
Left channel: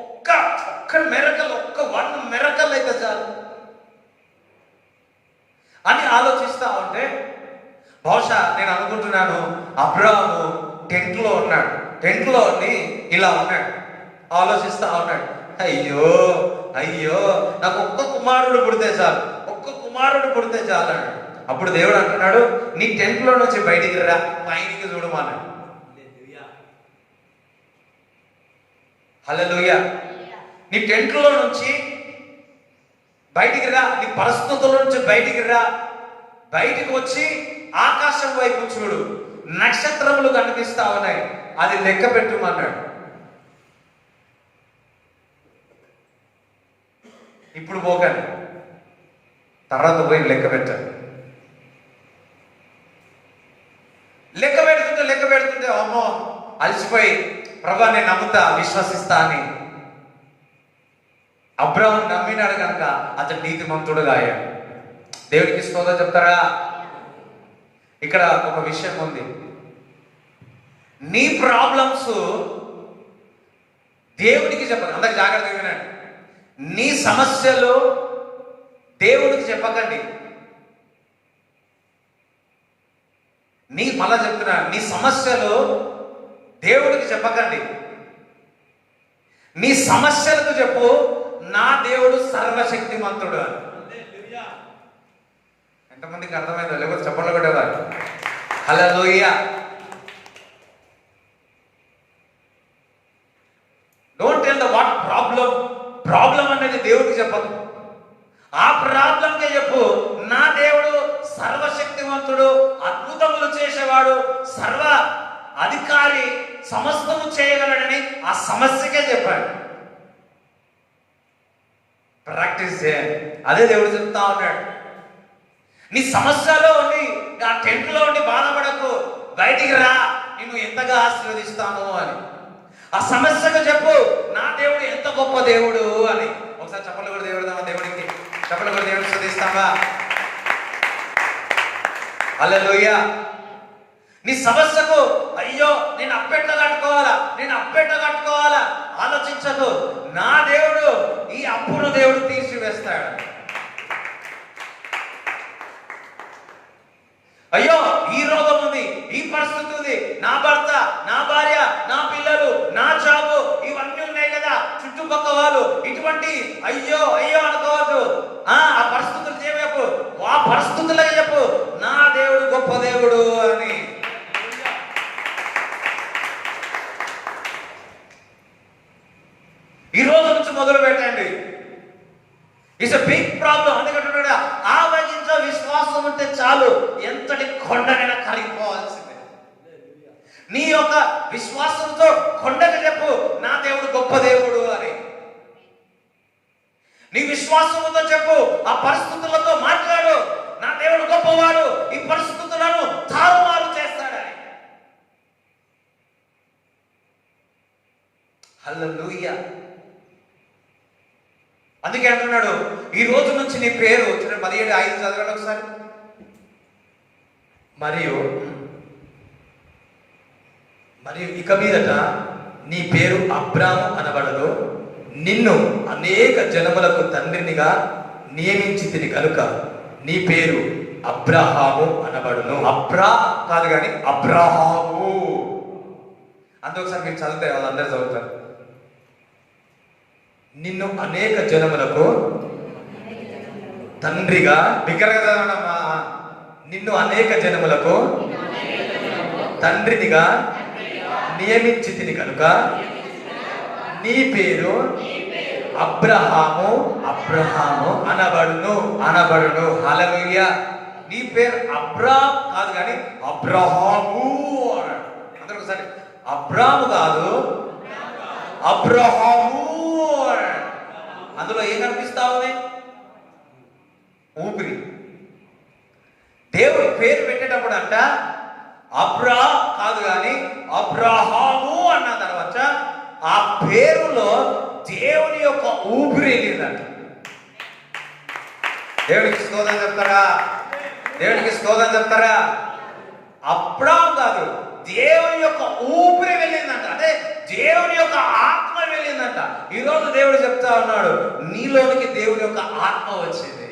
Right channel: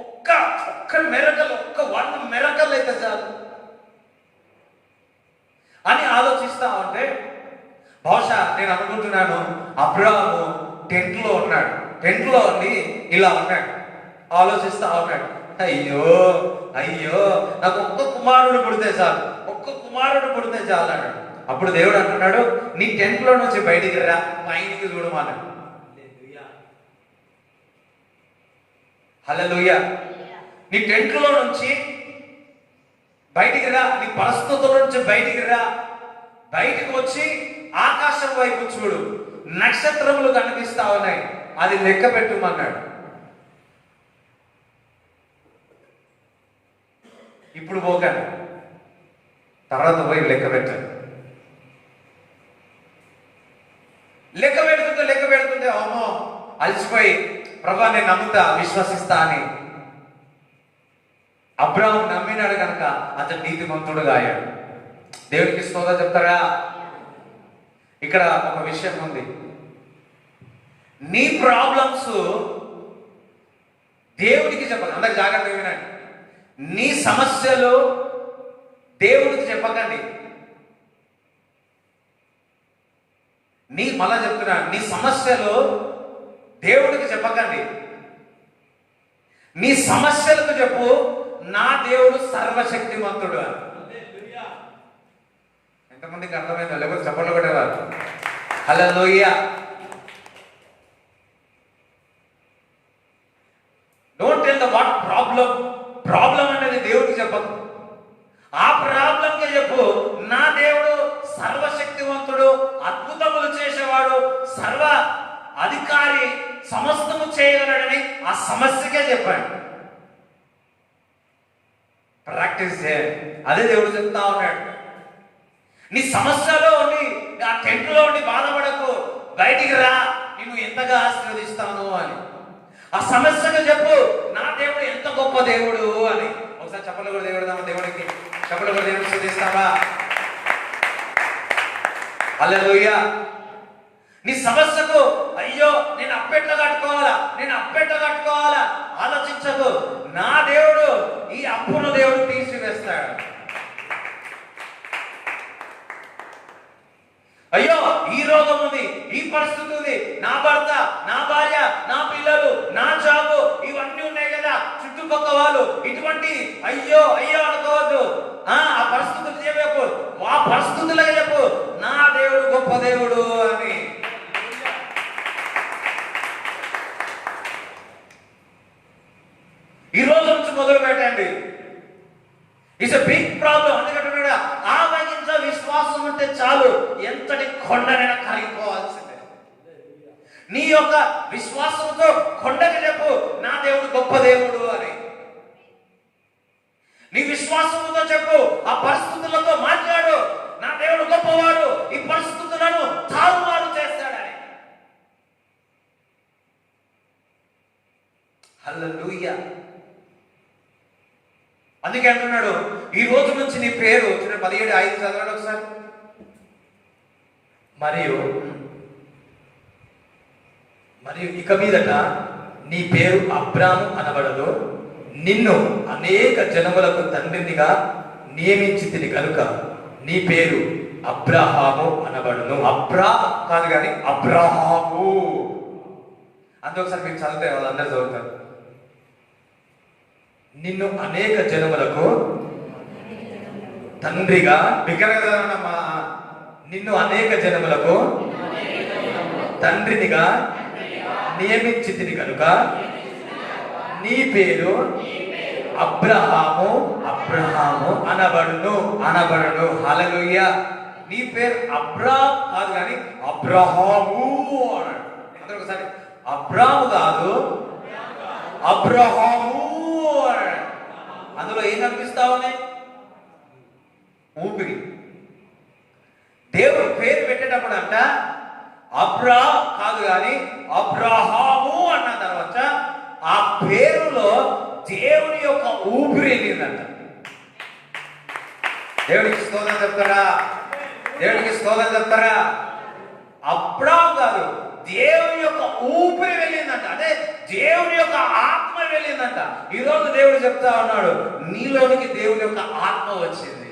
ఒక్క మెరకల్, వన్ మెరకల్ అయితే చాలు అని ఆలోచిస్తా ఉంటే, బహుశా నేను అనుకుంటున్నాను అబ్రాహాము టెంట్లో ఉన్నాడు, టెంట్లో ఉండి ఇలా ఉన్నాడు, ఆలోచిస్తా ఉన్నాడు, అయ్యో అయ్యో నాకు ఒక్క కుమారుడు పుడితే చాలు, ఒక్క కుమారుడు పుడితే చాలు అన్నాడు. అప్పుడు దేవుడు అంటున్నాడు, నీ టెంట్లో నుంచి బయటికి రా, పైకి చూడమన్నాడు. హల్లెలూయా. నీ టెంట్లో నుంచి బయటికి రా, నీ పరిస్థితుల నుంచి బయటికి రా, బయటికి వచ్చి ఆకాశం వైపు చూడు, నక్షత్రములు కనిపిస్తా ఉన్నాయి, అది లెక్క పెట్టుమన్నాడు. ఇప్పుడు పోకండి, తర్వాత పోయి లెక్క పెట్టండి. లెక్క పెడుతుంటే అమ్మో అలసిపోయి ప్రభా నేను నమ్ముతా విశ్వసిస్తా అని అబ్రాహాం నమ్మినాడు కనుక అతను నీతిమంతుడుగా అయ్యాడు. దేవుడికి స్తోత్రం చెప్తారా? ఇక్కడ ఒక విషయం ఉంది, నీ ప్రాబ్లమ్స్ దేవుడికి చెప్పండి. అందరికి జాగ్రత్తగా వినండి, నీ సమస్యలు దేవుడికి చెప్పకండి. మళ్ళా చెప్తున్నా, నీ సమస్యలు దేవుడికి చెప్పకండి. నీ సమస్యలకు చెప్పు, నా దేవుడు సర్వశక్తిమంతుడు. ఎంతమందికి అర్థమైందో? లేకపోతే చెప్పండి కూడా. Hallelujah. Don't tell the what problem అనేది దేవుడికి చెప్పకు, ఆ ప్రాబ్లంకే చెప్పు, నా దేవుడు సర్వశక్తివంతుడు, అద్భుతములు చేసేవాడు, సర్వ అధికారి, సమస్తము చేయగలడని ఆ సమస్యకే చెప్పాడు. ప్రాక్టీస్ చేయాలి. అదే దేవుడు చెప్తా ఉన్నాడు. నీ సమస్యలో ఉండి, ఆ టెంట్లో ఉండి బాధపడకు, బయటికి రా, నిన్ను ఎంతగా ఆశీర్వదిస్తాను అని. ఆ సమస్యకు చెప్పు, నా దేవుడు ఎంత గొప్ప దేవుడు అని. ఒకసారి చెప్పలు కూడా దేవుడు, దేవుడికి చెప్పలు కూడా దేవుడు స్తుతిస్తావా? హల్లెలూయా. నీ సమస్యకు అయ్యో నేను అప్పెట్ల కట్టుకోవాలా ఆలోచించదు. నా దేవుడు ఈ అప్పును దేవుడు తీసివేస్తాడు. అయ్యో ఈ రోగం ఉంది, ఈ పరిస్థితి ఉంది, నా భర్త, నా భార్య, నా పిల్లలు, నా జాబు, ఇవన్నీ ఉన్నాయి కదా, చుట్టుపక్కల వాళ్ళు, ఇటువంటి అయ్యో అనుకోవద్దు. ఆ పరిస్థితులు చేయకు, ఆ పరిస్థితులే చెప్పు, నా దేవుడు గొప్ప దేవుడు అని. ఈ రోజు నుంచి మొదలు పెట్టండి. It's a big problem. అందుకంటున్నాడా, ఆవగించ విశ్వాసం ఉంటే చాలు, ఎంతటి కొండనైనా కరిగిపోవాల్సిందే. నీ యొక్క విశ్వాసంతో కొండకి చెప్పు, నా దేవుడు గొప్ప దేవుడు అని. నీ విశ్వాసంతో చెప్పు, ఆ పరిస్థితులతో మాట్లాడు, నా దేవుడు గొప్పవాడు, ఈ పరిస్థితులను తారుమారు చేస్తాడని. హల్లెలూయా. అందుకే అంటున్నాడు, ఈ రోజు నుంచి నీ పేరు 17:5 చదవండి ఒకసారి. మరియు ఇక మీదట నీ పేరు అబ్రాము అనబడదు, నిన్ను అనేక జనములకు తండ్రినిగా నియమించితిని కనుక నీ పేరు అబ్రహాము అనబడును. అబ్రా కాదు కానీ అబ్రహాము. అందుకోసారి మీరు చదివితే వాళ్ళందరూ చదువుతారు. నిన్ను అనేక జనములకు తండ్రిగా, నిన్ను అనేక జనములకు తండ్రినిగా నియమించితిని కనుక నీ పేరు అబ్రహాము అనబడును. హల్లెలూయా. నీ పేరు అబ్రామ్ కాదు కానీ అబ్రహాము అన్నాడు. అందరూ ఒకసారి, అబ్రాము కాదు అబ్రహాము. అందులో ఏం కనిపిస్తా ఉంది? ఊపిరి. దేవుడు పేరు పెట్టేటప్పుడు అంట అబ్రా కాదు కానీ అబ్రహాము అన్న తర్వాత ఆ పేరులో దేవుని యొక్క ఊపిరి వెళ్ళిందంట. దేవుడికి స్తోత్రం చెప్తారా? దేవుడికి స్తోత్రం చెప్తారా? అబ్రాం కాదు, దేవుని యొక్క ఊపిరి వెళ్ళిందంట. అదే దేవుని యొక్క ఆత్మ వెళ్ళిందంట. ఈరోజు దేవుడు చెప్తా ఉన్నాడు, నీలోనికి దేవుని యొక్క ఆత్మ వచ్చింది.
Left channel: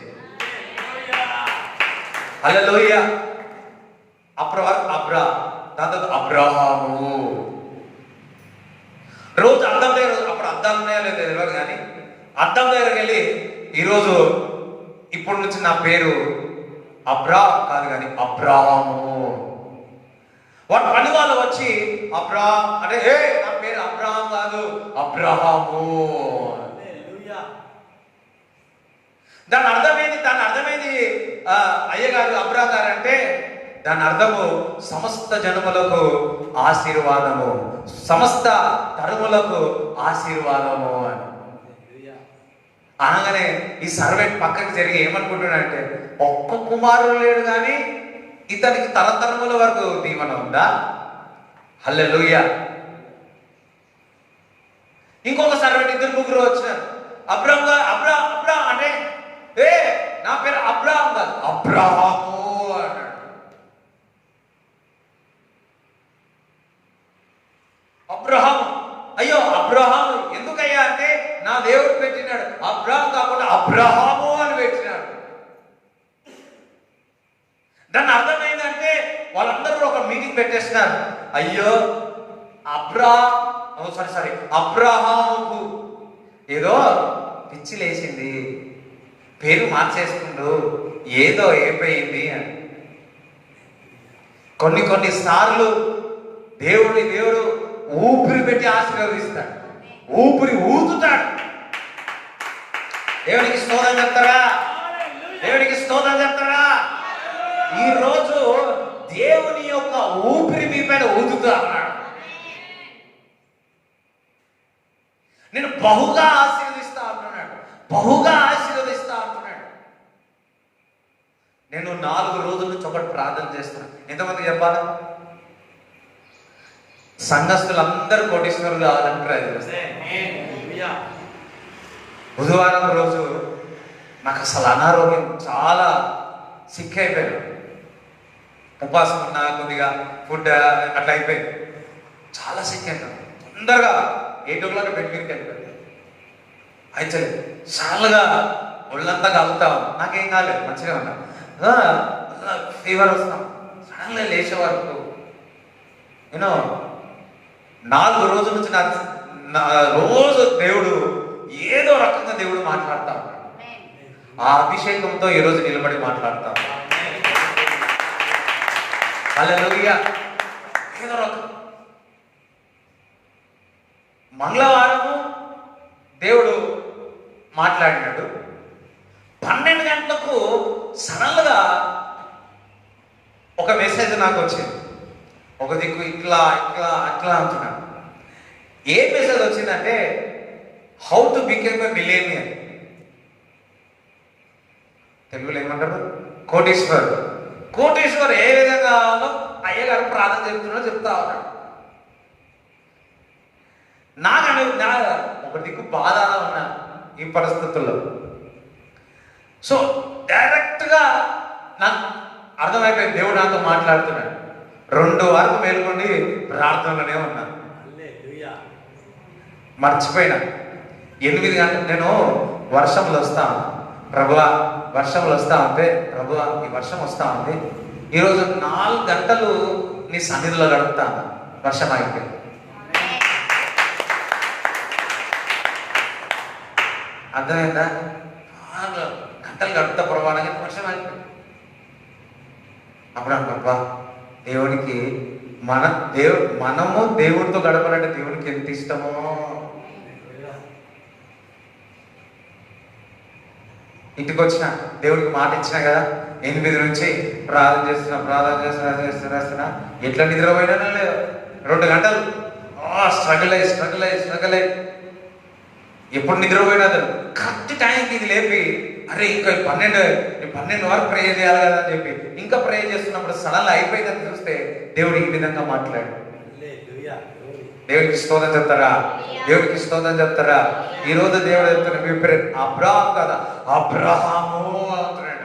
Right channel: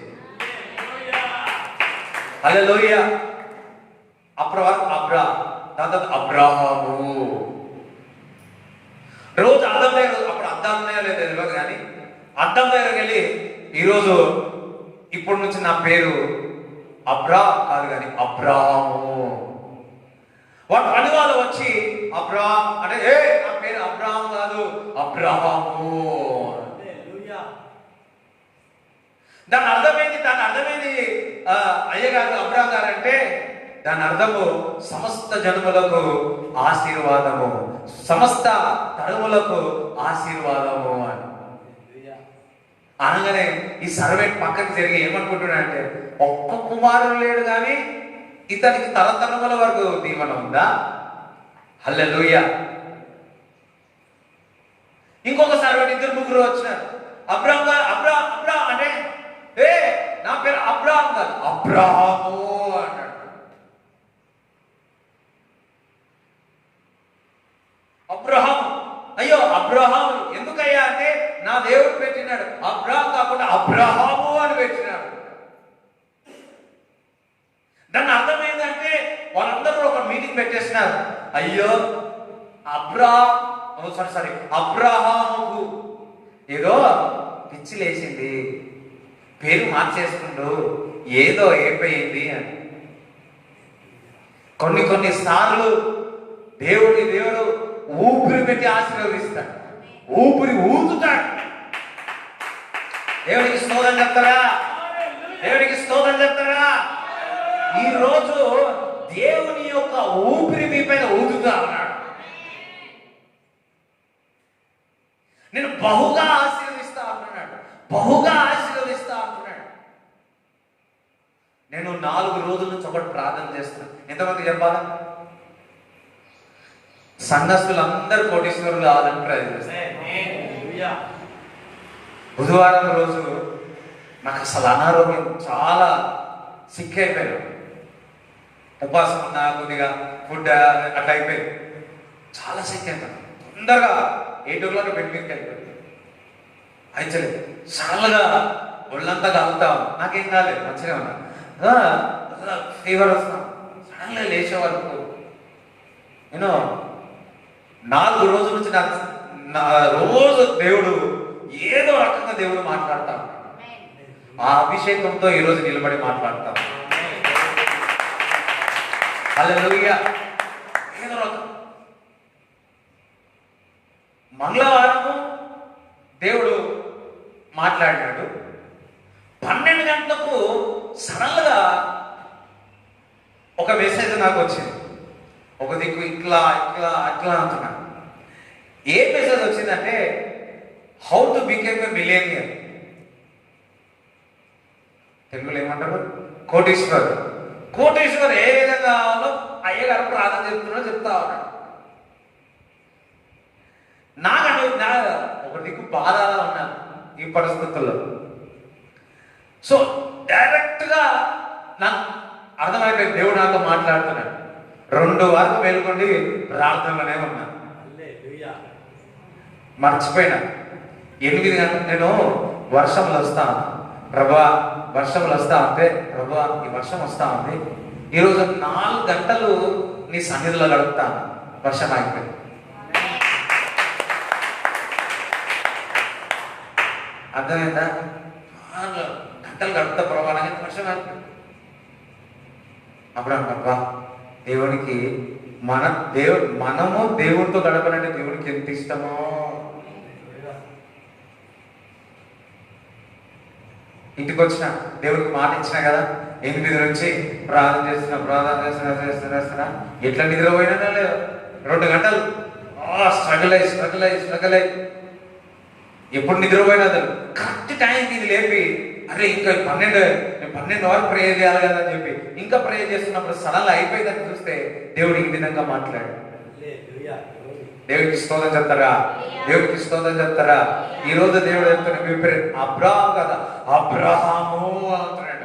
హల్లెలూయా. అబ్రాహాము రోజు అద్దం దగ్గర, అప్పుడు అద్దం లేదు తెలియదు కానీ అద్దం దగ్గరికి వెళ్ళి ఈరోజు ఇప్పటి నుంచి నా పేరు అబ్రా కాదు కానీ అబ్రాహాము. వాడు పని వాళ్ళు వచ్చి అబ్రాహాం అంటే నా పేరు అబ్రాహాం కాదు అబ్రాహాము. దాని అర్థమైంది అయ్యగారు అబ్రాహాం గారు అంటే దాని అర్థము సమస్త జనములకు ఆశీర్వాదము, సమస్త తరములకు ఆశీర్వాదము అని అనగానే ఈ సర్వెంట్ పక్కకి జరిగి ఏమనుకుంటున్నాడంటే, ఒక్క కుమారుడు లేడు కానీ ఇతనికి తరతరముల వరకు దీవెన ఉందా? హల్లెలూయా. ఇంకొక సర్వెంట్, ఇద్దరు ముగ్గురు వచ్చినారు. అబ్రాహాం అంటే నా పేరు అబ్రాహాం కాదు అబ్రాహాము అన్నాడు. అబ్రహాం, అయ్యో అబ్రహాం ఎందుకయ్యా అంటే నా దేవుడు పెట్టినాడు. అబ్రహాం కాకుండా అబ్రహాము అని పెట్టినాడు. దాన్ని అర్థమైందంటే వాళ్ళందరూ ఒక మీటింగ్ పెట్టేసినారు. అయ్యో అబ్రహాముకు ఏదో పిచ్చి లేచింది, పేరు మార్చేస్తుండు, ఏదో అయిపోయింది అని. కొన్ని సార్లు దేవుడు ఊపిరి పెట్టి ఆశీర్వదిస్తాడు, ఊపిరి ఊదుతాడు. దేవుడికి స్తోత్రం చెప్తారా? దేవుడికి స్తోత్రం చెప్తారా? ఈ రోజు దేవుని యొక్క ఊపిరి మీ పైన ఊదుతా అన్నాడు. నేను బహుగా ఆశీర్వదిస్తా అంటున్నాడు, బహుగా ఆశీర్వదిస్తా అంటున్నాడు. నేను 4 రోజుల నుంచి ఒకటి ప్రార్థన చేస్తున్నాను. ఎంతమంది చెప్పాలా? సంఘస్థులందరూ కోటీశ్వరులు కావాలని ప్రయత్నిస్తారు. బుధవారం రోజు నాకు అసలు అనారోగ్యం, చాలా సిక్ అయిపోయాను. ఉపాసం ఉన్నా, కొద్దిగా ఫుడ్ అట్లా అయిపోయింది, చాలా సిక్ అయిపోయాను. తొందరగా 8 o'clock బెడ్ మీదకి వెళ్ళిపోయింది. అయితే చాలాగా ఒళ్ళంతా కలుగుతా, నాకేం కాలేదు, మంచిగా ఉన్నా. ఫీవర్ వస్తాం, సడన్గా లేచే వరకు నేను 4 రోజుల నుంచి రోజు దేవుడు ఏదో రకంగా దేవుడు మాట్లాడతాడు. ఆ అభిషేకంతో ఈరోజు నిలబడి మాట్లాడతాడు. హల్లెలూయా. ఏదో రకం మంగళవారం దేవుడు మాట్లాడినాడు. 12 గంటలకు సడన్గా ఒక మెసేజ్ నాకు వచ్చింది. ఒక దిక్కు ఇట్లా అంటున్నాడు. ఏ మెసేజ్ వచ్చిందంటే, how to became a millionaire. తెలుగులో ఏమంటారు? కోటీశ్వర్ ఏ విధంగా అయ్యగారు ప్రార్థన చెప్తా ఉన్నాడు. నాకంటే ఒక దిక్కు బాధ ఉన్నా ఈ పరిస్థితుల్లో. సో డైరెక్ట్ గా నాకు అర్థమైపోయింది, దేవుడు నాతో మాట్లాడుతున్నాడు. 2 వరకు మేలుకొని ప్రార్థనలోనే ఉన్నాను. మర్చిపోయినా 8 గంటలు నేను వర్షంలో వస్తాను ప్రభువా, వర్షంలో వస్తా ఉంటే ప్రభువా ఈ వర్షం వస్తా ఉంది, ఈరోజు 4 గంటలు నీ సన్నిధిలో గడుపుతాను. వర్షం అయిపోయింది. అర్థమైందా? 4 గంటలు గడుపుతా ప్రమాణానికి వర్షం అయిపోయింది. అప్పుడు అనుకుంటా దేవునికి మనము దేవుడితో గడపాలంటే దేవునికి ఎంత ఇష్టమో. ఇంటికి వచ్చిన దేవుడికి మాట ఇచ్చినా కదా, 8 నుంచి ప్రార్థన చేస్తున్నా ఎట్లా నిద్రపోయినా లేదు. 2 గంటలు స్ట్రగుల్ అయ్యి ఎప్పుడు నిద్రపోయినా కరెక్ట్ టైంకి ఇది లేపి, అరే ఇంకా 12 వరకు ప్రే చేయాలి కదా అని చెప్పి ఇంకా ప్రే చేస్తున్నప్పుడు సడన్గా అయిపోయిందని చూస్తే దేవుడు ఈ విధంగా మాట్లాడు. దేవునికి స్తోత్రం చెప్తారా? దేవునికి స్తోత్రం చెప్తారా? ఈ రోజు దేవుడు చెప్తున్న మీ పేరు అబ్రాహాము కదా, అబ్రహాము అంటున్నాడు.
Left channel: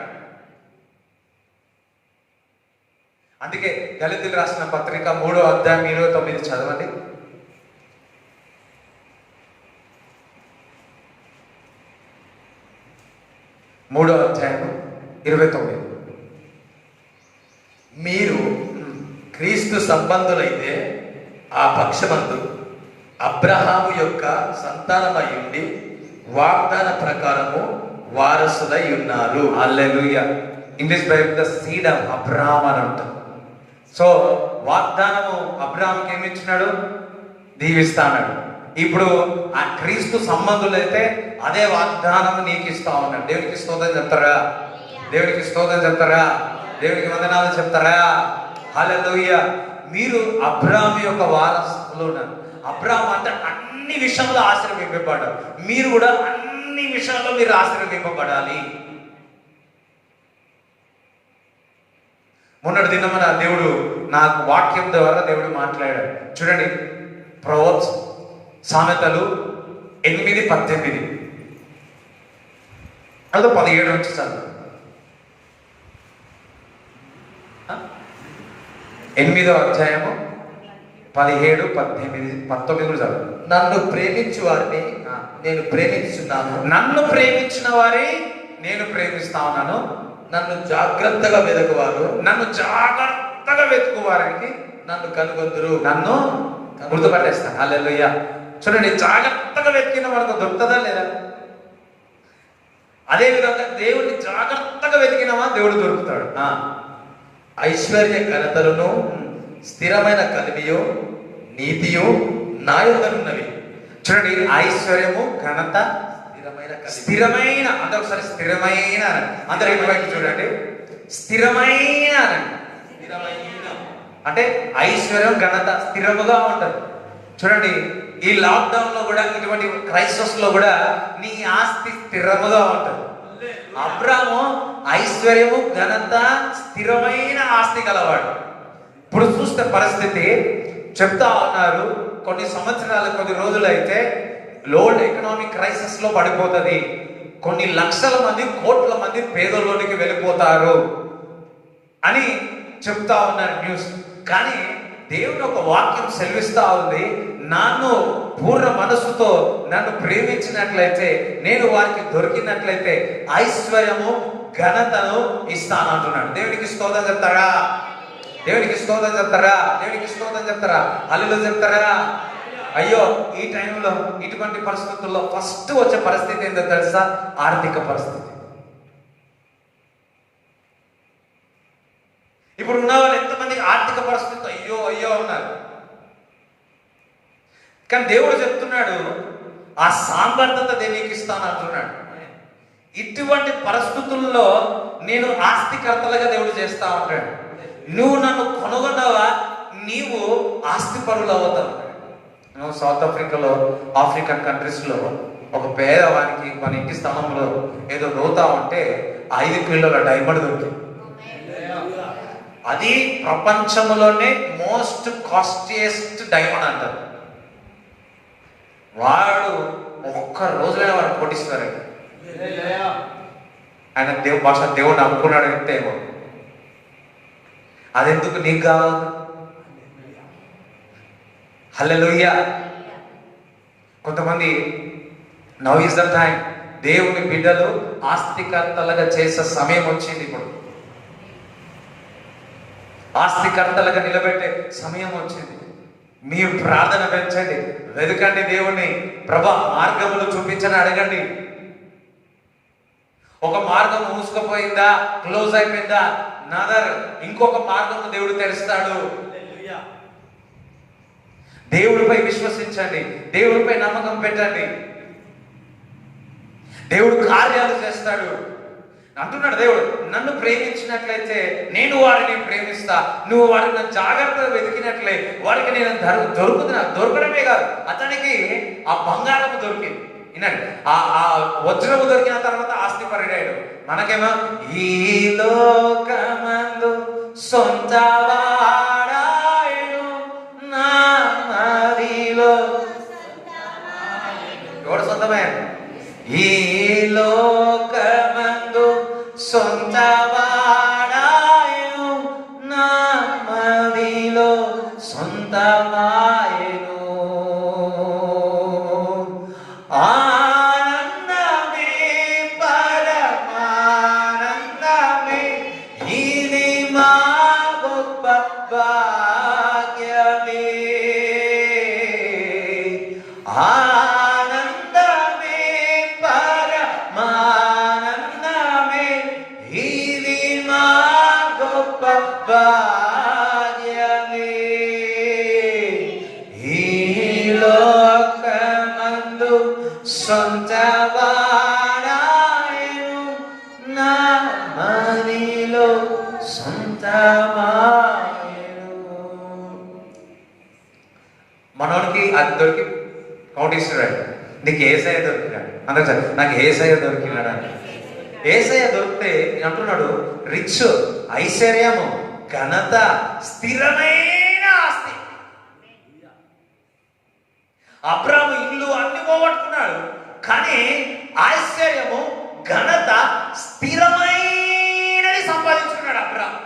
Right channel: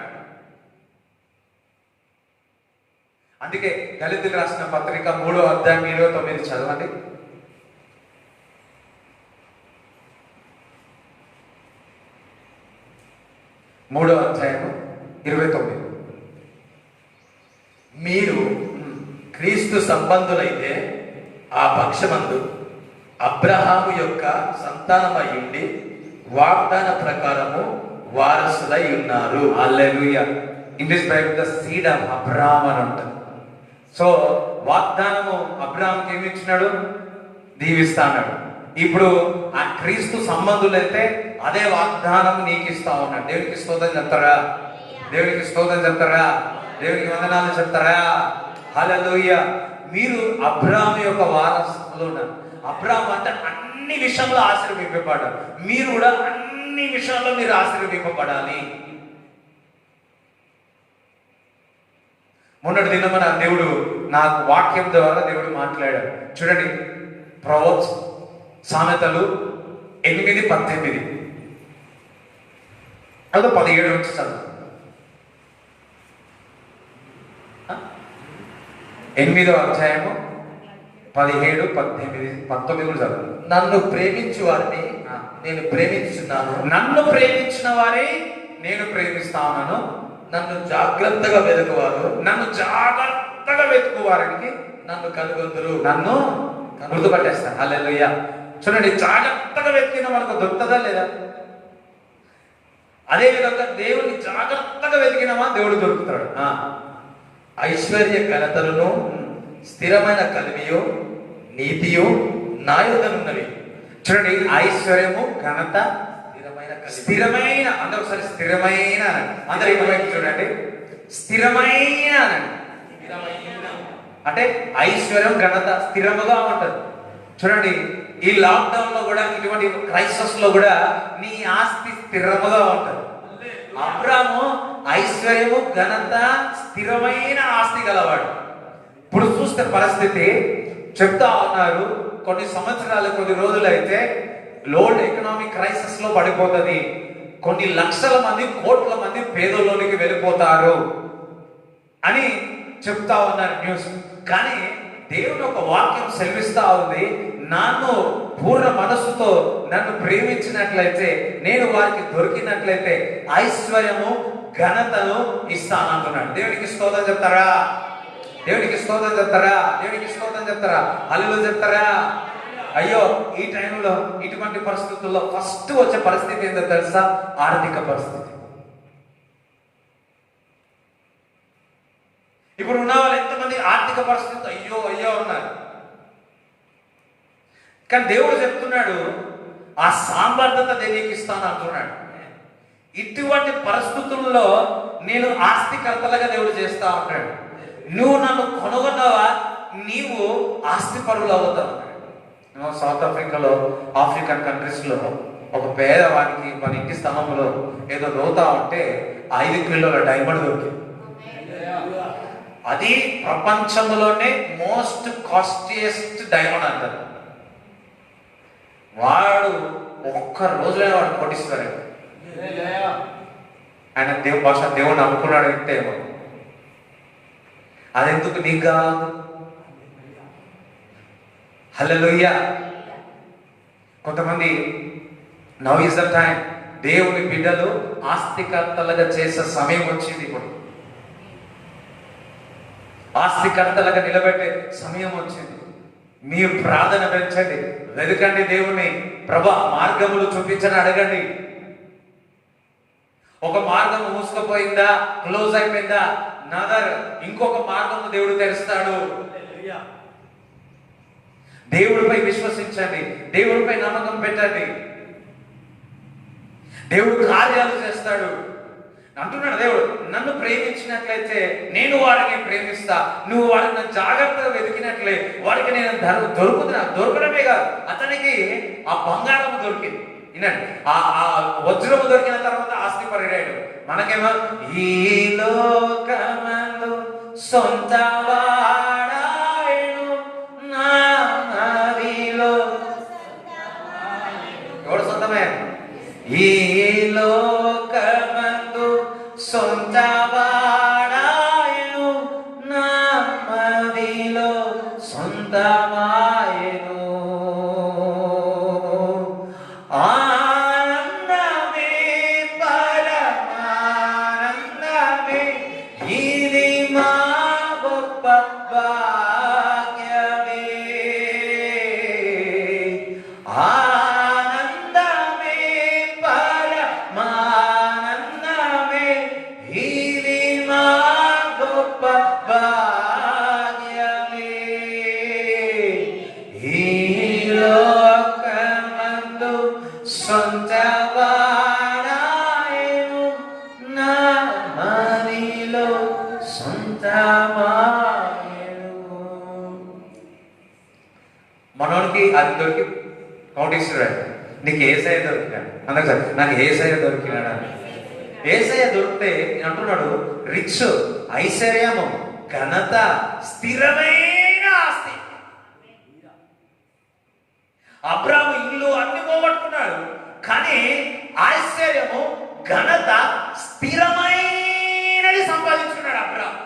అందుకే దళితులకు రాసిన పత్రిక 3వ అధ్యాయం 29 చదవండి. 3వ అధ్యాయం 29. మీరు క్రీస్తు సంబంధులైతే ఆ పక్షమందు అబ్రహాము యొక్క సంతానమై ఉండి వాగ్దాన ప్రకారము వారసులై ఉన్నారు. Hallelujah. In this Bible the seed of Abraham అని ఉంటుంది. సో వాగ్దానము అబ్రహాంకి ఏమి ఇచ్చినాడు? దీవిస్తా అన్నాడు. ఇప్పుడు ఆ క్రీస్తు సంబంధులైతే అదే వాగ్దానం నీకు ఇస్తా ఉన్నాడు. దేవునికి స్తోత్రం చెప్తారా? దేవునికి స్తోత్రం చెప్తారా? దేవునికి వందనాలు చెప్తారా? హల్లెలూయా. మీరు అబ్రహాం యొక్క వారసులు ఉన్నారు. అబ్రహాం అంటే అన్ని విషయంలో ఆశీర్వదింపబడ్డాడు. మీరు కూడా అన్ని విషయాల్లో మీరు ఆశీర్వదింపబడాలి. మొన్నటి దినమున దేవుడు నాకు వాక్యం ద్వారా దేవుడు మాట్లాడాడు. చూడండి, ప్రొవర్బ్స్ సామెతలు 8:18 అదో 17 నుంచి చదువు. 8వ అధ్యాయము 17, 18, 19 కూడా చదువు. నన్ను ప్రేమించు వారిని నేను ప్రేమించున్నాను, నన్ను ప్రేమించిన వారే నేను ప్రేమిస్తా ఉన్నాను. నన్ను జాగ్రత్తగా వెతుకువారు నన్ను జాగ్రత్తగా వెతుకువారికి నన్ను కనుగొందురు. నన్ను గుర్తుపట్టేస్తాను. హల్లెలూయా. చూడండి, జాగ్రత్తగా వెతికిన వారికి దొరుకుతుందా లేదా? అదే విధంగా దేవుడిని జాగ్రత్తగా వెతికినవా దేవుడు దొరుకుతాడు. ఐశ్వర్య ఘనతలను స్థిరమైన కలిమియు నీతియు నా యొద్దనున్నవి. చూడండి, ఐశ్వర్యము ఘనత స్థిరమైన, అందరూ ఒకసారి స్థిరమైన అందరూ ఇటువైపు చూడండి. స్థిరమైన అంటే ఐశ్వర్యం ఘనత స్థిరముగా ఉంటది. చూడండి, ఈ లాక్డౌన్ లో కూడా, ఇటువంటి క్రైసిస్ లో కూడా నీ ఆస్తి స్థిరముగా ఉంటది. అబ్రాము ఐశ్వర్యము ఘనత స్థిరమైన ఆస్తి గలవాడు. ఇప్పుడు చూస్తే పరిస్థితి చెప్తా ఉన్నారు, కొన్ని సంవత్సరాలు కొన్ని రోజులైతే లోడ్ ఎకనామిక్ క్రైసిస్ లో పడిపోతుంది. కొన్ని లక్షల మంది కోట్ల మంది పేదల్లోనికి వెళ్ళిపోతారు అని చెప్తా ఉన్నారు న్యూస్. కానీ దేవుని ఒక వాక్యం సెలవిస్తా ఉంది, నన్ను పూర్ణ మనస్సుతో నన్ను ప్రేమించినట్లయితే, నేను వారికి దొరికినట్లయితే ఐశ్వర్యము ఘనతను ఇస్తానంటున్నాడు. దేవునికి స్తోత్రం చెప్తారా? దేవునికి స్తోత్రం చెప్తారా? దేవునికి స్తోత్రం చెప్తారా? హల్లెలూయా చెప్తారా? అయ్యో, ఈ టైంలో ఇటువంటి పరిస్థితుల్లో ఫస్ట్ వచ్చే పరిస్థితి ఏంటో తెలుసా? ఆర్థిక పరిస్థితి. ఇప్పుడు ఉన్న వాళ్ళు ఎంతమంది ఆర్థిక పరిస్థితి అయ్యో అయ్యో ఉన్నారు. కానీ దేవుడు చెప్తున్నాడు, ఆ సామర్థ్యత దేనికి ఇస్తాను అంటున్నాడు. ఇటువంటి పరిస్థితుల్లో నేను ఆస్తికర్తలుగా దేవుడు చేస్తా ఉంటాడు. నువ్వు నన్ను కొనుగొన్నావా, నీవు ఆస్తి పరులు అవుతావు. సౌత్ ఆఫ్రికాలో, ఆఫ్రికన్ కంట్రీస్ లో ఒక పేదవానికి మన ఇంటి స్థలంలో ఏదో దోతా ఉంటే 5 కిలోల డైమండ్ దొరికింది. అది ప్రపంచంలోనే మోస్ట్ కాస్టియస్ట్ డైమండ్ అంటారు. వాడు ఒక్క రోజులో వాడు కొట్టిస్తారు. ఆయన దేవుడు అనుకున్నాడు అంటే అదెందుకు నీకు కావాలి? హల్లెలూయా. కొంతమంది నౌ ఇస్ ద టైం, దేవుని బిడ్డలు ఆస్తికర్తలుగా చేసే సమయం వచ్చింది. ఇప్పుడు ఆస్తికర్తలుగా నిలబెట్టే సమయం వచ్చింది. మీరు ప్రార్థన పెంచండి, వెతకండి దేవుణ్ణి. ప్రభా, మార్గములు చూపించని అడగండి. ఒక మార్గం మూసుకుపోయిందా, క్లోజ్ అయిపోయిందా, నదర్ ఇంకొక మార్గం దేవుడు తెరుస్తాడు. దేవుడిపై విశ్వసించండి, దేవుడిపై నమ్మకం పెట్టండి. దేవుడు కార్యాలు చేస్తాడు అంటున్నాడు. దేవుడు నన్ను ప్రేమించినట్లయితే నేను వాడిని ప్రేమిస్తా. నువ్వు వాడిని నన్ను జాగ్రత్తగా వెతికినట్లే వాడికి నేను దొరకడమే కాదు, అతనికి ఆ బంగారం దొరికింది. వినండి, ఆ వజ్రము దొరికిన తర్వాత ఆస్తి పరుడయ్యాడు. మనకేమో ఈ లోకమందు సొంత వాడాయను నా ఈ లోకమందు సొంతవాడాయను, నా మదిలో సొంతమాయను. ఆనందమే పరమానందమే, ఇది మా గొప్ప భాగ్యమే. ఆనందమే పరమానందమే, ఇది మా గొప్ప భాగ్యమే. ఈ లోకమందు సొంతవాడాయను, నా మదిలో సొంతమాయను. మనోడికి అది దొరికి నోటిస్తున్నాడు, నీకు ఏసయ్య దొరికినాడు. అందుకు సార్ నాకు ఏసయ్య దొరికినాడు అని. ఏసయ్య దొరికితే నేను అంటున్నాడు, రిచ్, ఐశ్వర్యము, ఘనత, స్థిరమైన ఆస్తి. అబ్రాము ఇల్లు అన్ని పోగొట్టుకున్నాడు, కానీ ఐశ్వర్యము, ఘనత, స్థిరమైనది సంపాదించుకున్నాడు అబ్రాము.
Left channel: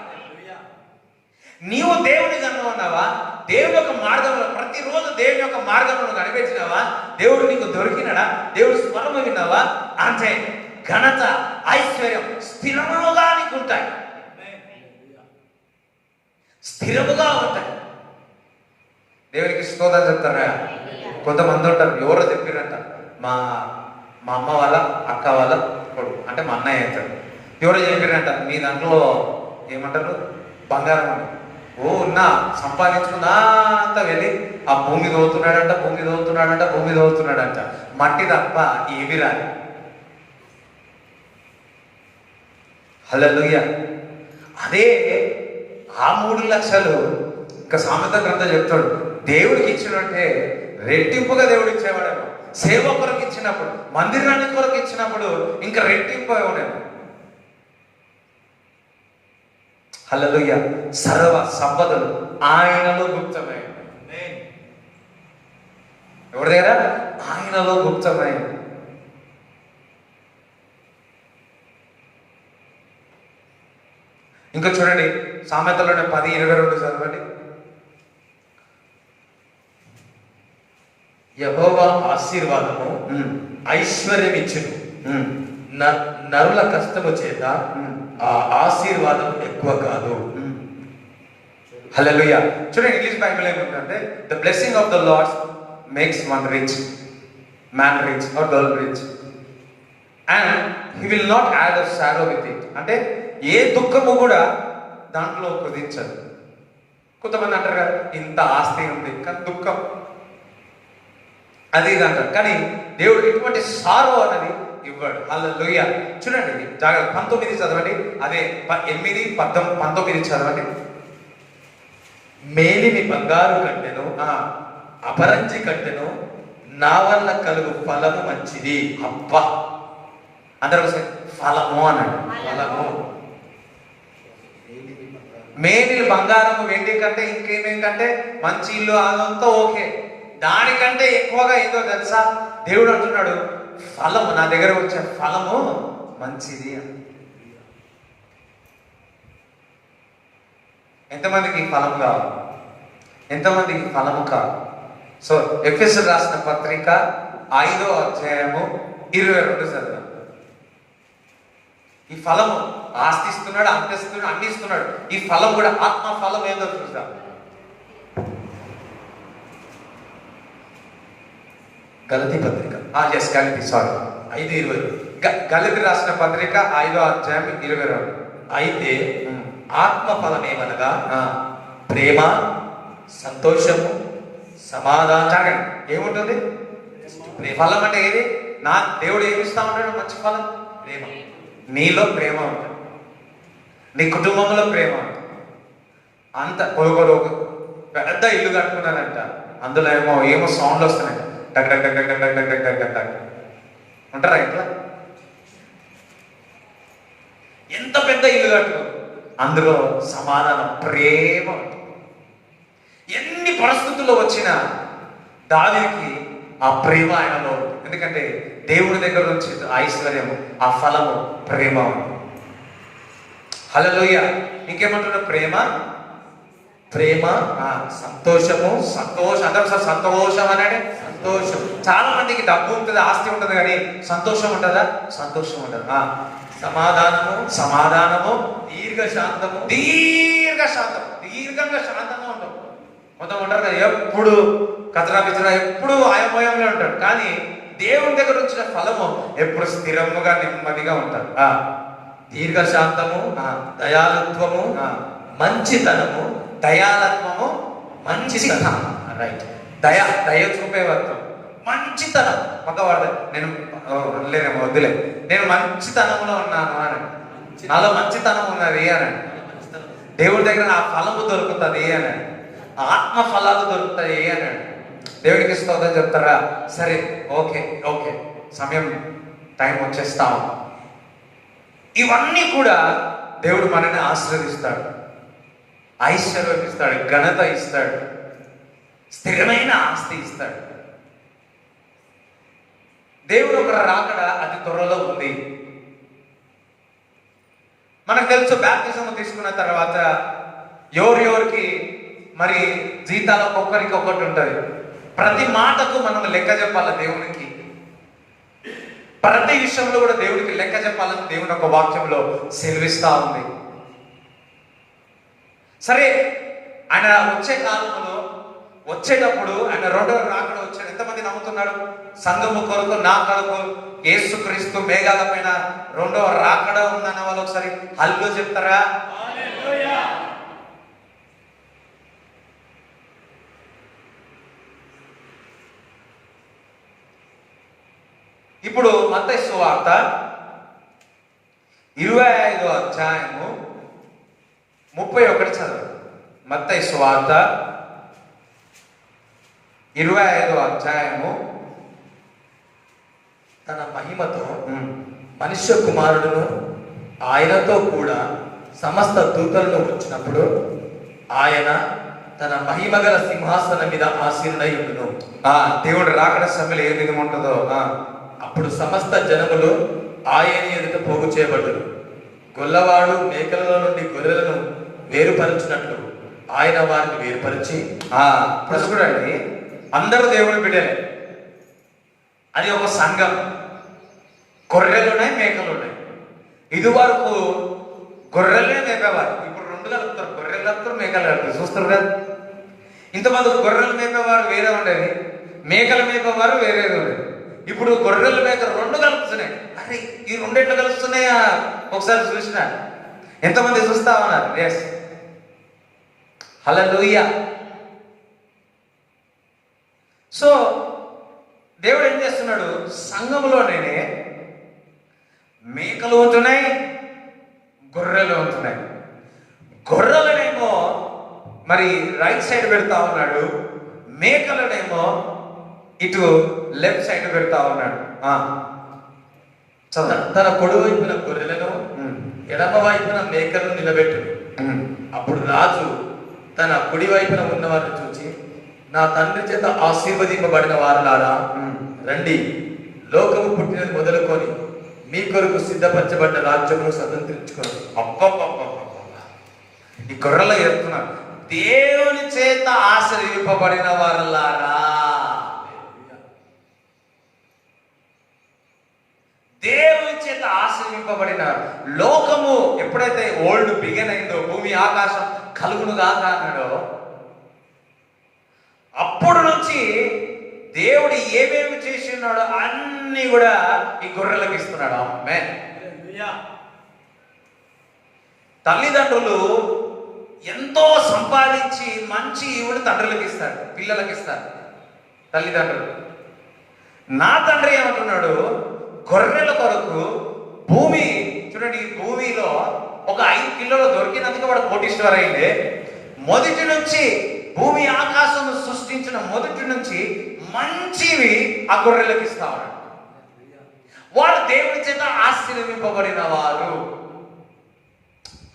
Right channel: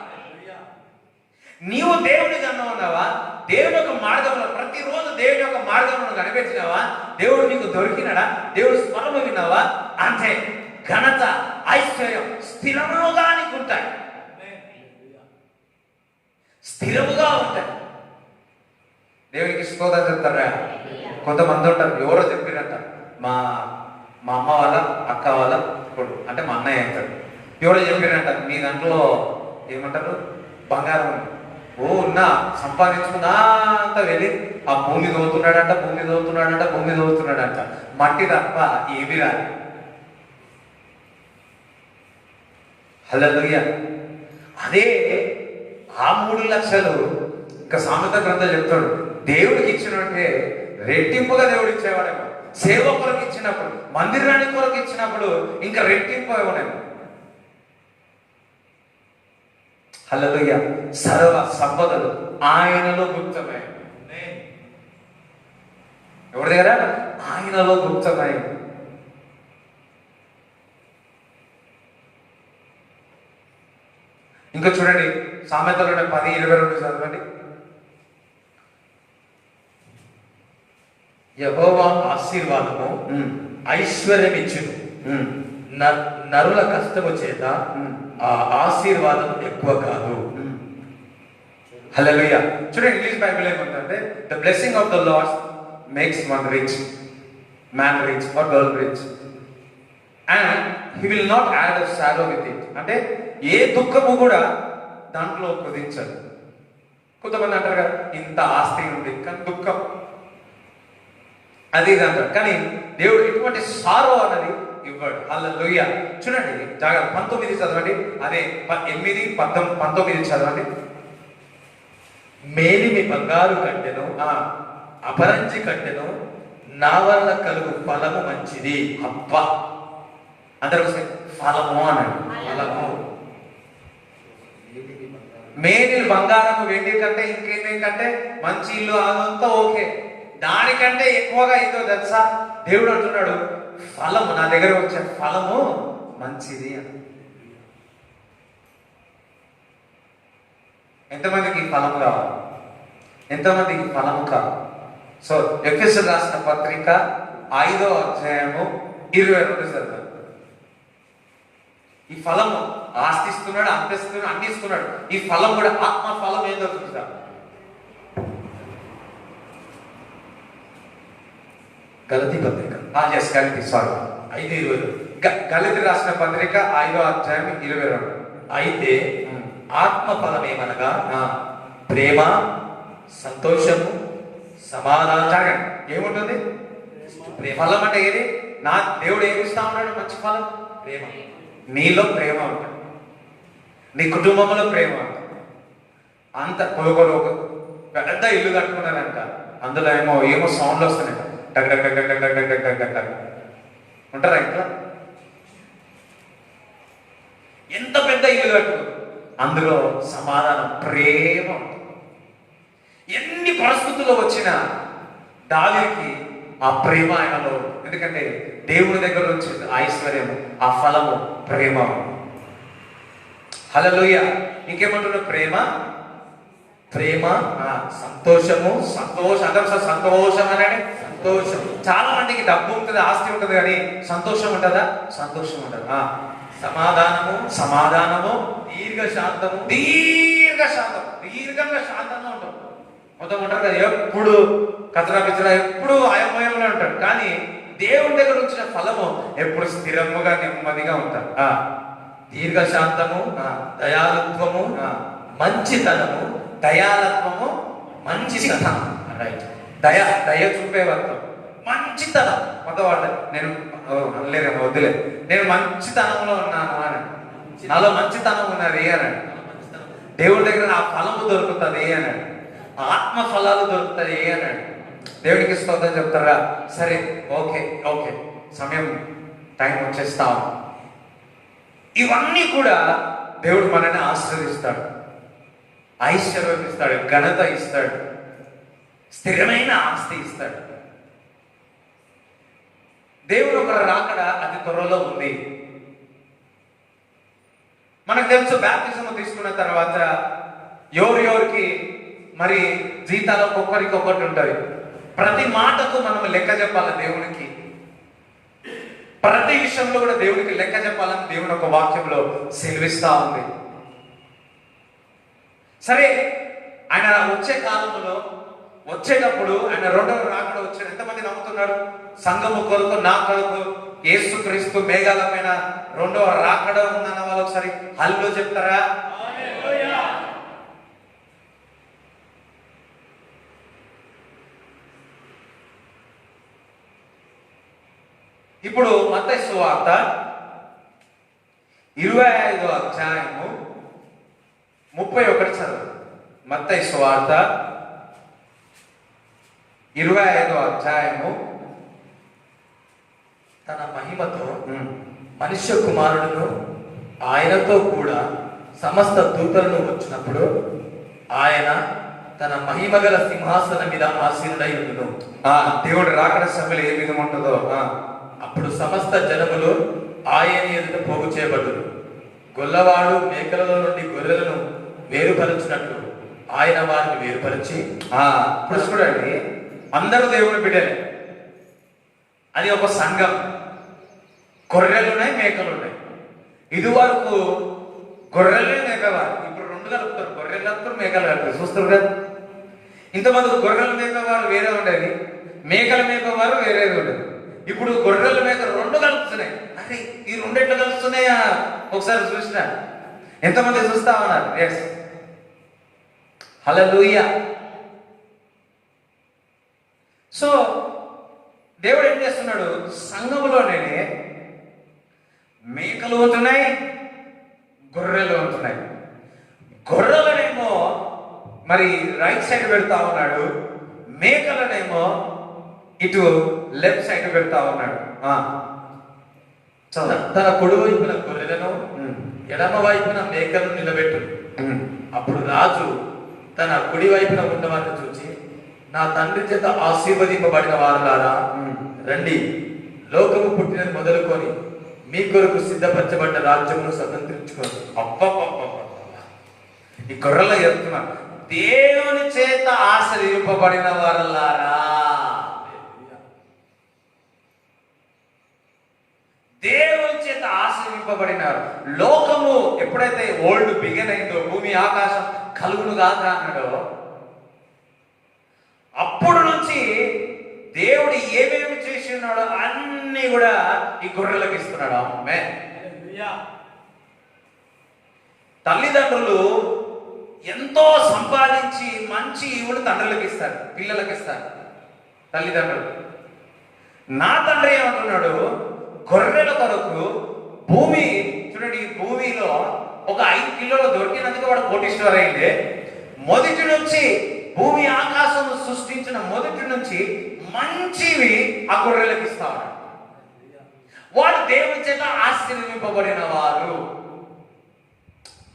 నీవు దేవుని కన్నా ఉన్నావా? దేవుని యొక్క మార్గంలో ప్రతిరోజు దేవుని యొక్క మార్గంలో కనిపెట్టినావా? దేవుడు నీకు దొరికినాడా? దేవుడు స్మరణ విన్నావా? అంటే ఘనత, ఐశ్వర్యం స్థిరముగా నీకు ఉంటాయి, స్థిరముగా ఉంటాయి. దేవునికి స్తోత్రం చెప్తారా? కొంతమంది ఉంటారు, ఎవరో చెప్పినట్ట, మా మా అమ్మ వాళ్ళ అక్క వాళ్ళ కొడుకు, అంటే మా అన్నయ్య అంటాడు. ఎవరో చెప్పినట్ట, మీ దాంట్లో ఏమంటారు, బంగారం ఉంది. ఓ ఉన్నా సంపాదించుకున్నా అంతా వెళ్ళి ఆ భూమి దోవుతున్నాడంట, భూమి దోవుతున్నాడంట, భూమి దోవుతున్నాడంట. మట్టి తప్ప ఏమి రాదు. హల్లెలూయా. అదే ఆ 3 లక్షలు ఇంకా సామెత గ్రంథం చెప్తాడు, దేవుడికి ఇచ్చినట్టే రెట్టింపుగా దేవుడు ఇచ్చేవాడేమో. సేవకులకు ఇచ్చినప్పుడు, మందిరానికి కొరకు ఇచ్చినప్పుడు ఇంకా రెట్టింపు ఇవ్వడేమో. హల్లెలూయా. సర్వ సంపదలు ఆయనలో గుప్తమై, ఎవరి దగ్గర? ఆయనలో గుప్తమై. ఇంకా చూడండి, సామెతలోనే 10:22 చదవండి. యెహోవా ఆశీర్వాదము ఐశ్వర్యం ఇచ్చును, నరుల కష్టము చేత ఆ ఆశీర్వాదం ఎక్కువ కాదు. హల్లెలూయా. చూడండి, ఇంగ్లీష్ బైబిల్ ఏమంటే, the blessing of the lord makes one rich, man rich or girl rich, and he will not add a shadow with it. అంటే ఏ దుఃఖము కూడా దాంట్లో కుదించదు. కొంతమంది అంటారు కదా, ఇంత ఆస్తి ఉంది కానీ దుఃఖం అది ఇది అంటారు, కానీ దేవుడు ఎటువంటి సారో అన్నది ఇవ్వడు. హల్లెలూయా. చూడండి, జాగ్రత్త, 19 చదవండి. అదే 8, 19 చదవండి. మేలిమి బంగారు కట్టెను, అపరంజి కట్టెను, నా వల్ల కలుగు ఫలము మంచిది. అబ్బా, అందరూ ఫలము అన్నాడు. ఫలము, మేలిమి బంగారము, వెండి కంటే ఇంకేంటంటే మంచి ఇల్లు, అదంతా ఓకే. దానికంటే ఎక్కువగా ఏదో తెలుసా? దేవుడు అంటున్నాడు, ఫలము, నా దగ్గర వచ్చే ఫలము మంచిది. ఎంతమందికి ఫలం కావాలి? ఎంతమందికి ఫలము కావాలి? సో ఎఫెసీయులకు రాసిన పత్రిక 5వ అధ్యాయము 22 చదువు. ఈ ఫలము ఆస్తిస్తున్నాడు, అందిస్తున్నాడు, అన్ని ఇస్తున్నాడు. ఈ ఫలం కూడా ఆత్మ ఫలం ఏదో చూద్దాం. గలతీ పత్రిక, గలతీ, సారీ, 5:20. గలతీ రాసిన పత్రిక 5వ అధ్యాయం 22. అయితే ఆత్మ ఫలమేమనగా ప్రేమ, సంతోషము, సమాధానం. ఏముంటుంది? ఫలం అంటే ఏది? నా దేవుడు ఏమి ఇస్తా ఉన్నాడు? మంచి ఫలం, ప్రేమ. నీలో ప్రేమ ఉంటుంది, నీ కుటుంబంలో ప్రేమ ఉంటుంది. అంత కొనుగోలు పెద్ద ఇల్లు కట్టుకున్నారంట, అందులో ఏమో సౌండ్ వస్తున్నాయి, టక్ టక్ టక్ టక్ టక్ టక్ టక్ టక్ టక్ టక్. ఉంటారా ఇంట్లో? ఎంత పెద్ద ఇల్లు కట్టుకున్నారు, అందులో సమాధానం, ప్రేమ ఉంటుంది. ఎన్ని పరిస్థితుల్లో వచ్చినా దావీదుకి ఆ ప్రేమ ఆయనలో ఉంటుంది. ఎందుకంటే దేవుని దగ్గర నుంచి ఐశ్వర్యం, ఆ ఫలము ప్రేమ. హల్లెలూయా. ఇంకేమంటున్నారు? ప్రేమ, ప్రేమ, ఆ, సంతోషము, సంతోషం. అందరూ ఒకసారి సంతోషం అనండి. సంతోషం, చాలా మందికి డబ్బు ఉంటుంది, ఆస్తి ఉంటుంది, కానీ సంతోషం ఉంటుందా? సంతోషం ఉంటుంది. సమాధానము, సమాధానము, దీర్ఘశాంతము, దీర్ఘంగా శాంతంగా ఉంటాం. మొత్తం ఉంటారు కదా, ఎప్పుడు కచరా పిచ్చరా, ఎప్పుడు ఆయమయంలో ఉంటాడు. కానీ దేవుని దగ్గర వచ్చిన ఫలము ఎప్పుడు స్థిరముగా నెమ్మదిగా ఉంటారు. దీర్ఘశాంతము, దయాళుత్వము, మంచితనము, దయాలత్వము, మంచితనం. రైట్. దయ చూపే వర్తం, మంచితనం. మగవాళ్ళ నేను లేనేమో వద్దులే, నేను మంచితనంలో ఉన్నాను అని, నాలో మంచితనం ఉన్నది అని, దేవుడి దగ్గర ఆ ఫలము దొరుకుతుంది అని, ఆత్మ ఫలాలు దొరుకుతాయి అని దేవుడికి స్తోత్రం చెప్తారా? సరే, ఓకే ఓకే, సమయం టైం వచ్చేస్తాం. ఇవన్నీ కూడా దేవుడు మనల్ని ఆశీర్వదిస్తాడు, ఐశ్వర్యం ఇస్తాడు, ఘనత ఇస్తాడు, స్థిరమైన ఆస్తి ఇస్తాడు. దేవుడు ఒక రాకడ అతి త్వరలో ఉంది. మనకు తెలుసు, బాప్తిజం తీసుకున్న తర్వాత ఎవరికి మరి జీతాలు ఒక్కొక్కరికి ఒక్కటి ఉంటుంది. ప్రతి మాటకు మనం లెక్క చెప్పాలి దేవునికి. ప్రతి విషయంలో కూడా దేవునికి లెక్క చెప్పాలని దేవుని ఒక వాక్యంలో సెలవిస్తా ఉంది. సరే, ఆయన వచ్చే కాలంలో వచ్చేటప్పుడు ఆయన రెండవ రాకడ వచ్చాడు. ఎంతమంది నమ్ముతున్నారు? సంఘము కొరకు, నా కొరకు యేసుక్రీస్తు మేఘాల పైన రెండవ రాకడ ఉందన్న వాళ్ళు ఒకసారి హల్లో చెప్తారా? ఇప్పుడు మత్తయి సువార్త 25వ అధ్యాయము 31 చదువు. మత్తయి సువార్త 25వ అధ్యాయము. తన మహిమతో మనుష్య కుమారుడును ఆయనతో కూడా సమస్త దూతలను వచ్చినప్పుడు ఆయన తన మహిమగల సింహాసనం మీద ఆసీనుడై ఉండును. దేవుడు రాకడ సమయంలో ఏ విధంగా ఉంటుందో, అప్పుడు సమస్త జనములు ఆయన ఎదుట పోగు చేయబడ్డారు. గొల్లవాడు మేకలలో నుండి గొర్రెలను వేరుపరచినట్లు ఆయన వారిని వేరుపరిచి, ఇప్పుడు చూడండి, అందరూ దేవుని బిడ్డలే. అది ఒక సంఘం. గొర్రెలు ఉన్నాయి, మేకలు ఉన్నాయి. ఇది వరకు గొర్రెలే మేకవారు, ఇప్పుడు రెండు కలుపుతారు. గొర్రెలు కలుపుతారు, మేకలు కలుపుతారు. చూస్తారు కదా, ఇంతమంది గొర్రెలు మేకవారు వేరే ఉండేది, మేకల మేకవారు వేరేది ఉండేది. ఇప్పుడు గొర్రెల మేక రెండు కలుపుతున్నాయి. అరే, ఈ రెండు ఎట్లా కలుస్తున్నాయా ఒకసారి చూసిన ఎంతమంది చూస్తామన్నారు? ఎస్, హల్లెలూయా. సో దేవుడు ఏం చేస్తున్నాడు? సంఘములోనే మేకలు ఉంటున్నాయి, గొర్రెలు ఉంటున్నాయి. గొర్రెలనేమో మరి రైట్ సైడ్ పెడతా ఉన్నాడు, మేకలనేమో ఇటు లెఫ్ట్ సైడ్ పెడతా ఉన్నాడు. తన కుడి వైపున గొర్రెలను ఎడమ వైపున మేకలను నిలబెట్టు. అప్పుడు రాజు తన కుడి వైపున ఉన్నవారిని చూచి, నా తండ్రి చేత ఆశీర్వదింపబడిన వారులారా, రండి, లోకము పుట్టినది మొదలుకొని మీ కొరకు సిద్ధపరచబడ్డ రాజ్యమును స్వతంత్రించుకోండి. ఈ గొర్రెలు చెప్తున్నా, దేవుని చేత ఆశీర్వింపబడిన వారులారా, దేవుని చేత ఆశీర్వింపబడిన లోకము ఎప్పుడైతే ఓల్డ్ బిగిన్ అయిందో, భూమి ఆకాశం కలుగును కాక అన్నాడో, అప్పుడు నుంచి దేవుడు ఏమేమి చేసి ఉన్నాడో అన్ని కూడా ఈ గొర్రెలకు ఇస్తున్నాడు. ఆమె తల్లిదండ్రులు ఎంతో సంపాదించి మంచి ఈవుడు తండ్రులకు ఇస్తారు, పిల్లలకు ఇస్తారు తల్లిదండ్రులు. నా తండ్రి ఏమంటున్నాడు? గొర్రెల కొరకు భూమి చూడండి, ఈ భూమిలో ఒక 5 కిలోలు దొరికినందుకు వాడు కోటీశ్వర అయిందే. మొదటి నుంచి భూమి ఆకాశం సృష్టించిన మొదటి నుంచి మంచివి ఆ గొర్రెలకు ఇస్తారు. వాడు దేవుని చేత ఆశీర్వదింపబడిన వారు.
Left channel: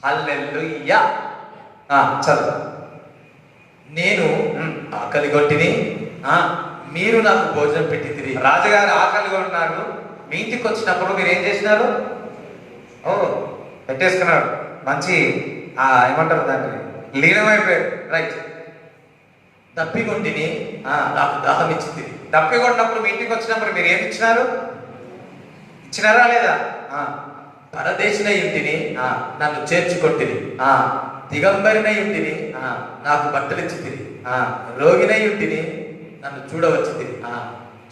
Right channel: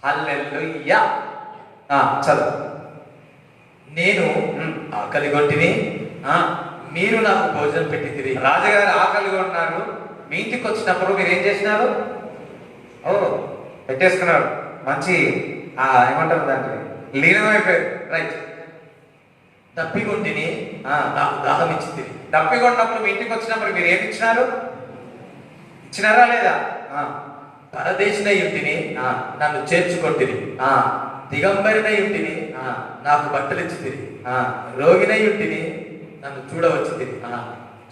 హల్లెలూయా. చదువు. నేను ఆకలి గొట్టిని, మీరు నాకు భోజనం పెట్టితిరి. రాజుగారు ఆకలిగా ఉన్నారు, మీ ఇంటికి వచ్చినప్పుడు మీరు ఏం చేసినారు? ఓ పెట్టేసుకున్నాడు, మంచి ఏమంటారు దాన్ని, లీనమైపోయాడు. రైట్. తప్పికొంటిని, నాకు దాహం ఇచ్చితిరి. తప్పికొన్నప్పుడు మీ ఇంటికి వచ్చినప్పుడు మీరు ఏమి ఇచ్చినారు? ఇచ్చినారా లేదా? పరదేశిన ఇంటిని నన్ను చేర్చుకొంటిరి. దిగంబరిన ఇంటిని నాకు బట్టలు ఇచ్చితిరి. రోగిన ఇంటిని నన్ను చూడవచ్చితిరి.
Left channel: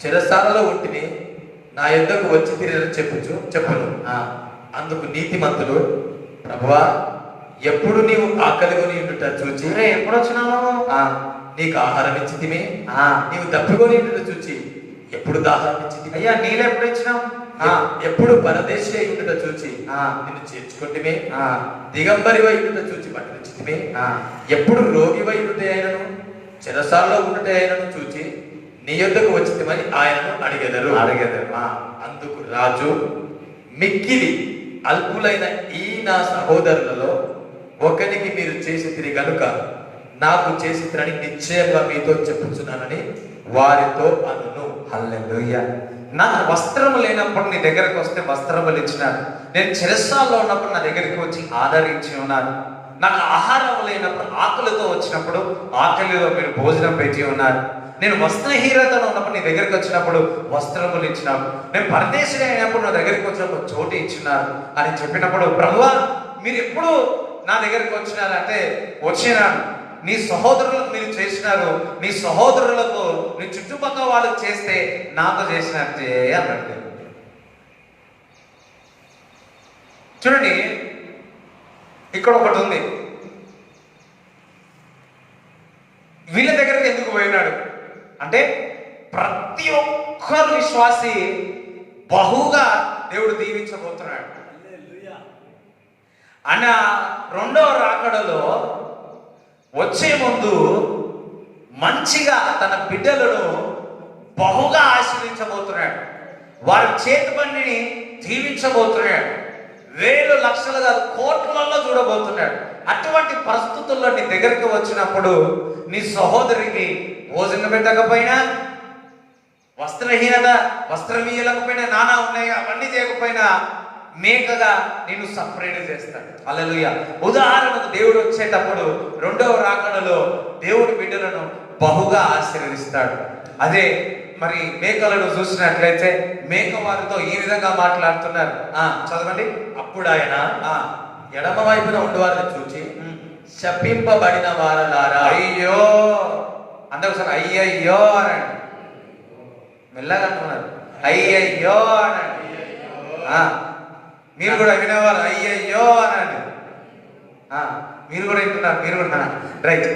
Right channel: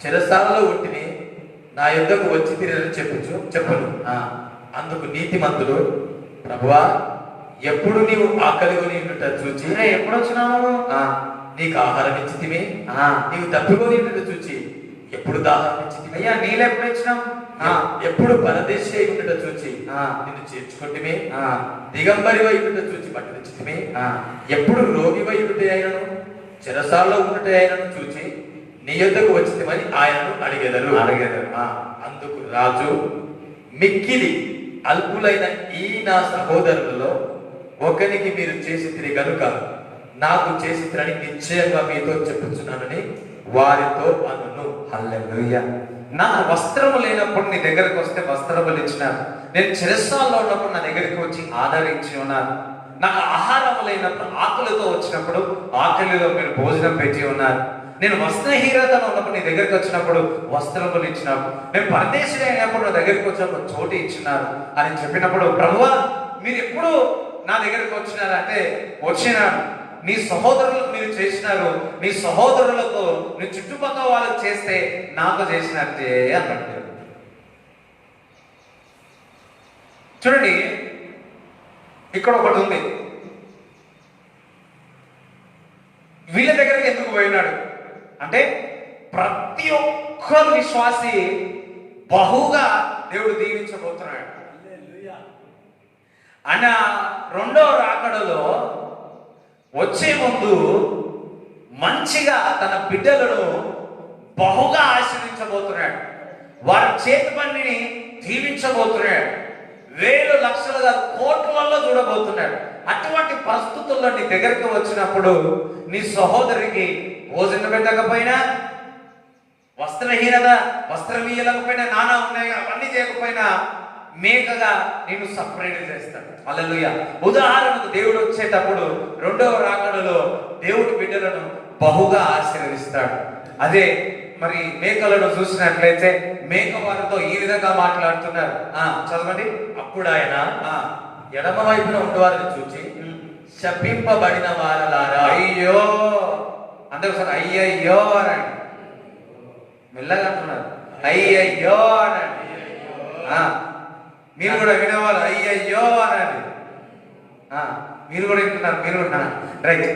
చెరసాలలో ఉంటిని నా యొద్దకు వచ్చితిరి అని చెప్పును. అందుకు నీతిమంతుడు, ప్రభువా, ఎప్పుడు నీవు ఆకలిగొని ఉండుట చూచి ఎప్పుడు వచ్చినావు? నీకు ఆహారం ఇచ్చితిమి. నీవు తప్పికొని ఉండుట చూచి ఎప్పుడు దాహారం ఇచ్చితిమి. అయ్యా నీళ్ళు ఎప్పుడు ఇచ్చినావు? ఎప్పుడు పరదేశీ ఉండుట చూచి నిన్ను చేర్చుకుంటిమి. దిగంబరి వైపుట చూచి బట్టలు ఇచ్చితిమి. ఎప్పుడు రోగి వైపుట అయినను చెరసాలలో ఉండుట అయినను చూచి నీ యొద్దకు వచ్చితిమని ఆయనను అడిగెదరు. అందుకు రాజు, మిక్కిలి అల్పులైన ఈ నా సహోదరులలో ఒకరికి మీరు చేసితిరి గనుక నాకు చేసితిరని నిశ్చయంగా మీతో చెప్పుచున్నానని వారితో అనును. హల్లెలూయా. నా వస్త్రము లేనప్పుడు నీ దగ్గరికి వస్తే వస్త్రములు ఇచ్చినారు. నేను చెరసాల్లో ఉన్నప్పుడు నా దగ్గరికి వచ్చి ఆదరించి ఉన్నారు. నాకు ఆహారం లేనప్పుడు ఆకలితో వచ్చినప్పుడు ఆకలిలో మీరు భోజనం పెట్టి ఉన్నారు. నేను వస్త్రహీనతలో ఉన్నప్పుడు నీ దగ్గరికి వచ్చినప్పుడు వస్త్రములు ఇచ్చినావు. నేను పరదేశీ అయినప్పుడు నా దగ్గరికి వచ్చినప్పుడు చోటు ఇచ్చినారు అని చెప్పినప్పుడు, ప్రభువా మీరు ఎప్పుడు నా దగ్గరికి వచ్చినారంటే వచ్చినాను. నీ సహోదరులకు మీరు చేసినారు, నీ సహోదరులకు నీ చుట్టుపక్కల వాళ్ళకి చేస్తే నాతో చేసినట్టే అన్నట్టు. చూడండి, ఇక్కడ ఒకటి ఉంది. వీళ్ళ దగ్గరికి ఎందుకు పోయినాడు అంటే, ప్రతి ఒక్కరు విశ్వాసి బహుగా దేవుడు దీవించబోతున్నాడు. ఆయన రెండవ రాకడలో వచ్చే ముందు మంచిగా తన బిడ్డలను బహుగా ఆశీర్వించబోతున్నాడు. వారి చేతి పనిని దీవించబోతున్నాడు. వేలు లక్షలు కాదు, కోట్లలో చూడబోతున్నాడు. అటువంటి పరిస్థితుల్లో నీ దగ్గరికి వచ్చినప్పుడు నీ సహోదరికి భోజనం పెట్టకపోయినా, వస్త్రహీనత వస్త్రం ఇయ్యలేకపోయినా, నానా ఉన్నాయి అవన్నీ చేయకపోయినా మేకగా నిన్ను సపరేట్ చేస్తాడు. హల్లెలూయా. ఉదాహరణకు దేవుడు వచ్చేటప్పుడు రెండవ రాకడలో దేవుడి బిడ్డలను బహుగా ఆశీర్వదిస్తాడు. అదే మరి మేకలను చూసినట్లయితే మేక వారితో ఈ విధంగా మాట్లాడుతున్నారు. చదవండి. అప్పుడు ఆయన ఎడమ వైపున ఉండవారిని చూచి, శపింపబడిన వారలారా. అయ్యో, అందరూ సార్ అయ్యయ్యో అనండి. మెల్లగా అంటున్నారు, అయ్యయ్యో అనండి. మీరు కూడా వినేవాళ్ళు అయ్యయ్యో అనండి. మీరు కూడా వింటున్నారు, మీరు కూడా రైట్.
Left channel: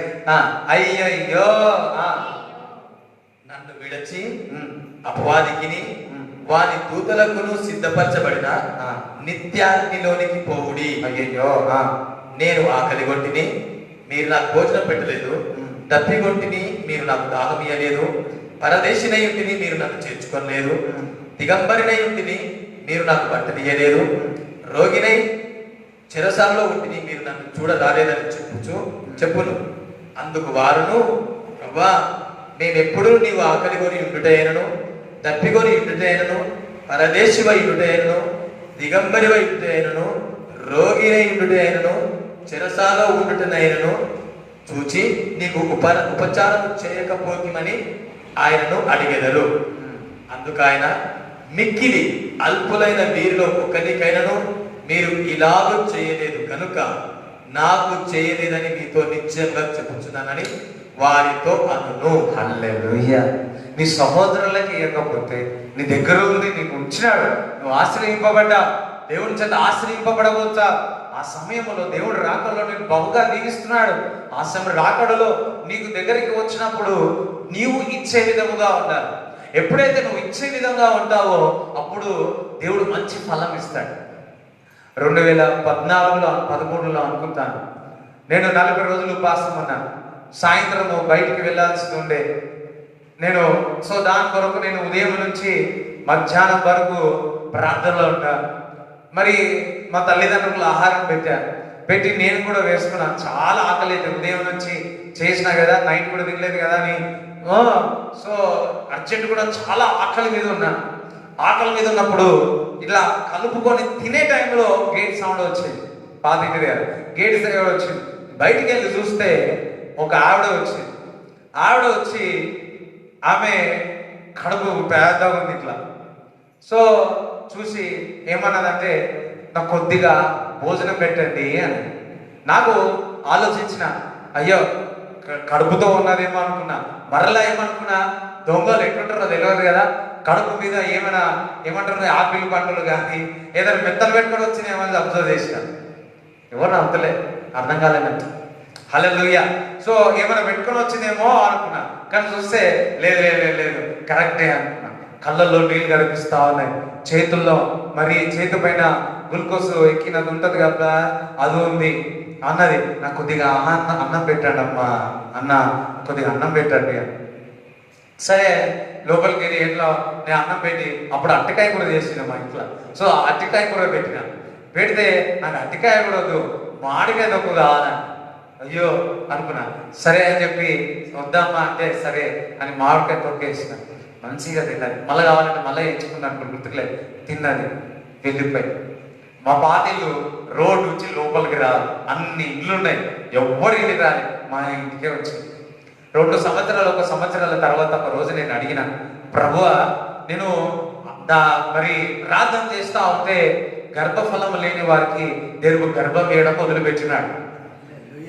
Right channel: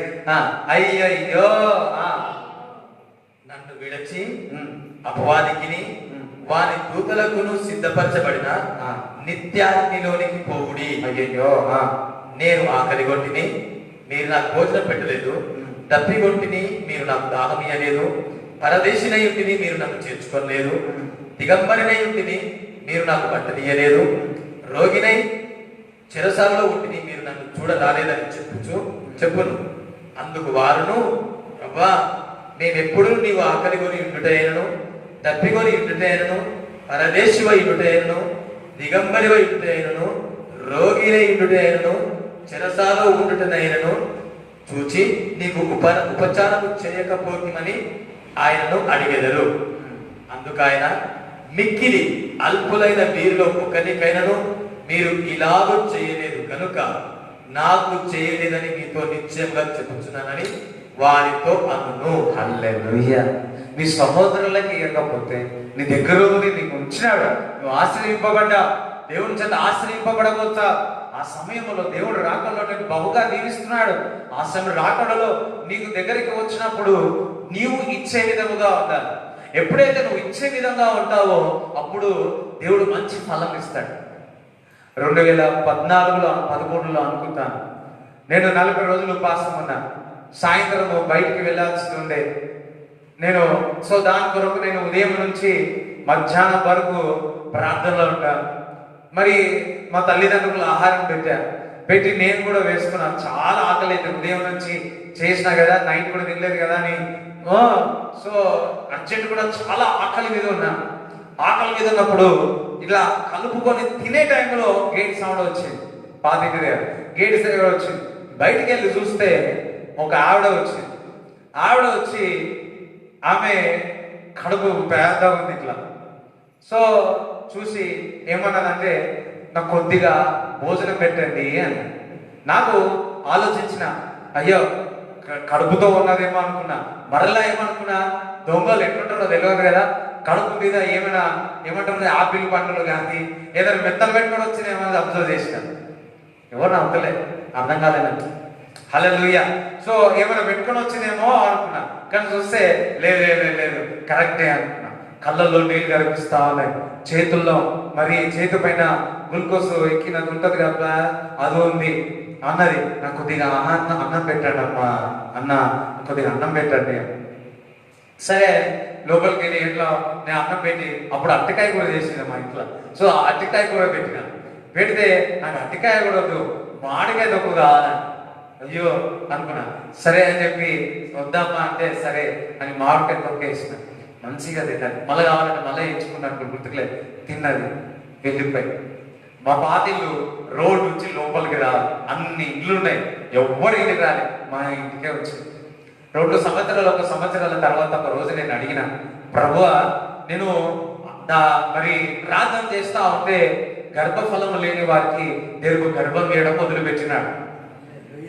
అయ్యయ్యో, నన్ను విడచి అపవాదికిని వారి దూతలకును సిద్ధపరచబడిన నిత్యాగ్నిలోనికి పోవుడి. అయ్యయ్యో, నేను ఆకలిగొంటిని, మీరు నాకు భోజనం పెట్టలేదు. తప్పిగొంటిని, మీరు నాకు దాహం ఇయ్యలేదు. పరదేశినై ఉంటిని, మీరు నన్ను చేర్చుకోలేదు. దిగంబరినై ఉంటిని, మీరు నాకు బట్టనియ్యలేదు. రోగినై చెరసాలలో ఉంటిని, మీరు నన్ను చూడరాలేదని చెప్పును. అందుకు వారును, అవ్వా, మేమెప్పుడు నీవు ఆకలిగొని ఉండుటైనను, తప్పిగొని ఉండుటైనను, పరదేశివై ఉండుటైనను, దిగంబరివై ఉండుటైనను, రోగినై ఉండుటైనను, చెరసాలో ఉండుటనైనను చూచి నీకు ఉపచారము చేయకపోతిమని ఆయనను అడిగెదరు. అందుకు ఆయన, మిక్కిలి అల్పులైన వీరిలో ఒక్కరికైనను మీరు ఇలాగూ చేయలేదు కనుక నాకు చేయలేదని మీతో నిశ్చయంగా చెప్పుచున్నానని వారితో అనును. హల్లెలూయా. నీ సహోదరులకి ఇవ్వకపోతే నీ దగ్గర నీకు ఉంచినాడు, నువ్వు ఆశ్రయింపబడ్డా, దేవుని చేత ఆశ్రయింపబడవచ్చా. ఆ సమయంలో దేవుడు రాకడలో నేను బహుగా దీవిస్తున్నాడు. ఆ సమయం రాకడలో నీకు దగ్గరికి వచ్చినప్పుడు నీవు ఇచ్చే విధముగా ఉండాలి. ఎప్పుడైతే నువ్వు ఇచ్చే విధంగా ఉంటావో అప్పుడు దేవుడు మంచి ఫలం ఇస్తాడు. 2014లో 13లో అనుకుంటాను, నేను 40 రోజులు ఉపవాసం ఉన్నాను. సాయంత్రం బయటికి వెళ్ళాల్సి ఉండే నేను. సో దాని కొరకు నేను ఉదయం నుంచి మధ్యాహ్నం వరకు ప్రార్థనలో ఉంటాను. మరి మా తల్లిదండ్రులు ఆహారం పెట్టి నేను కూడా వేసుకున్నాను. చాలా ఆకలి అయితే ఉదయం నుంచి చేసిన కదా, నైట్ కూడా తినలేదు కదా అని సో అర్జెంట్ కూడా చాలా ఆకలి మీద ఉన్నా. ఆకలి మీద ఉన్నప్పుడు ఇలా కలుపుకొని తినే టైంలో గేట్ సౌండ్ వచ్చింది. పాతికి గేట్ సౌండ్ వచ్చింది. బయటికి వెళ్ళి చూస్తే ఒక ఆవిడ వచ్చింది. ఆవిడ వచ్చి ఆమె కడుపు పెద్దగా ఉంది ఇట్లా. సో చూసి ఏమన్నదంటే నాకు కొద్దిగా భోజనం పెట్టండి అని. నాకు ఆలోచించిన, అయ్యో కడుపుతో ఉన్నదేమో అనుకున్నా. మరలా ఏమనుకున్నా, దొంగలు ఎట్లుంటారో తెలియదు కదా, కడుపు మీద ఏమంటారు ఆపిల్ పండులు కానీ ఏదైనా మెత్తలు పెట్టుకొని వచ్చిన ఏమన్నా అబ్జర్వ్ చేసిన. ఎవరు అర్థలే, అర్థం కాలేదంట. హల్లెలూయా. సో ఏమైనా పెట్టుకొని వచ్చిందేమో అనుకున్నా, కానీ చూస్తే లేదు లేదు లేదు కరెక్టే అనుకున్నా. కళ్ళల్లో నీళ్ళు కనిపిస్తా ఉన్నాయి, చేతుల్లో మరి చేతి పైన గ్లూకోజ్ ఎక్కినది ఉంటుంది కదా, అది ఉంది. అన్నది నాకు కొద్దిగా అన్నం పెట్టండి అమ్మా, అన్న కొద్దిగా అన్నం పెట్టండి. సరే లోపలికి వెళ్ళి ఇంట్లో నేను అన్నం పెట్టి, అప్పుడు అట్టికాయ కూడా చేసింది మా ఇంట్లో. సో అట్టికాయ కూడా పెట్టిన. పెడితే నాకు అట్టికాయ కూడా వద్దు, మామిడికాయ తక్కువ కావాలని. అయ్యో అనుకున్నా. సరే అని చెప్పి వద్దామా అంటే సరే అని మామిడికాయ తొక్కేసిన. మంచిగా తిన్నది. మళ్ళీ కావాలంటే మళ్ళీ ఎంచుకున్నట్టు గుర్తుకులేదు. తిన్నది, వెళ్ళిపోయి. మా పాతిళ్ళు రోడ్డు నుంచి లోపలికి రాలి, అన్ని ఇళ్ళు ఉన్నాయి, ఎవ్వరికి రాలి, మా ఇంటికే వచ్చింది. 2 సంవత్సరాల తర్వాత ఒక రోజు నేను అడిగిన, ప్రభువా నేను మరి ప్రార్థన చేస్తా ఉంటే గర్భఫలం లేని వారికి దేవుడు గర్భం వేయడం మొదలుపెట్టినాడు.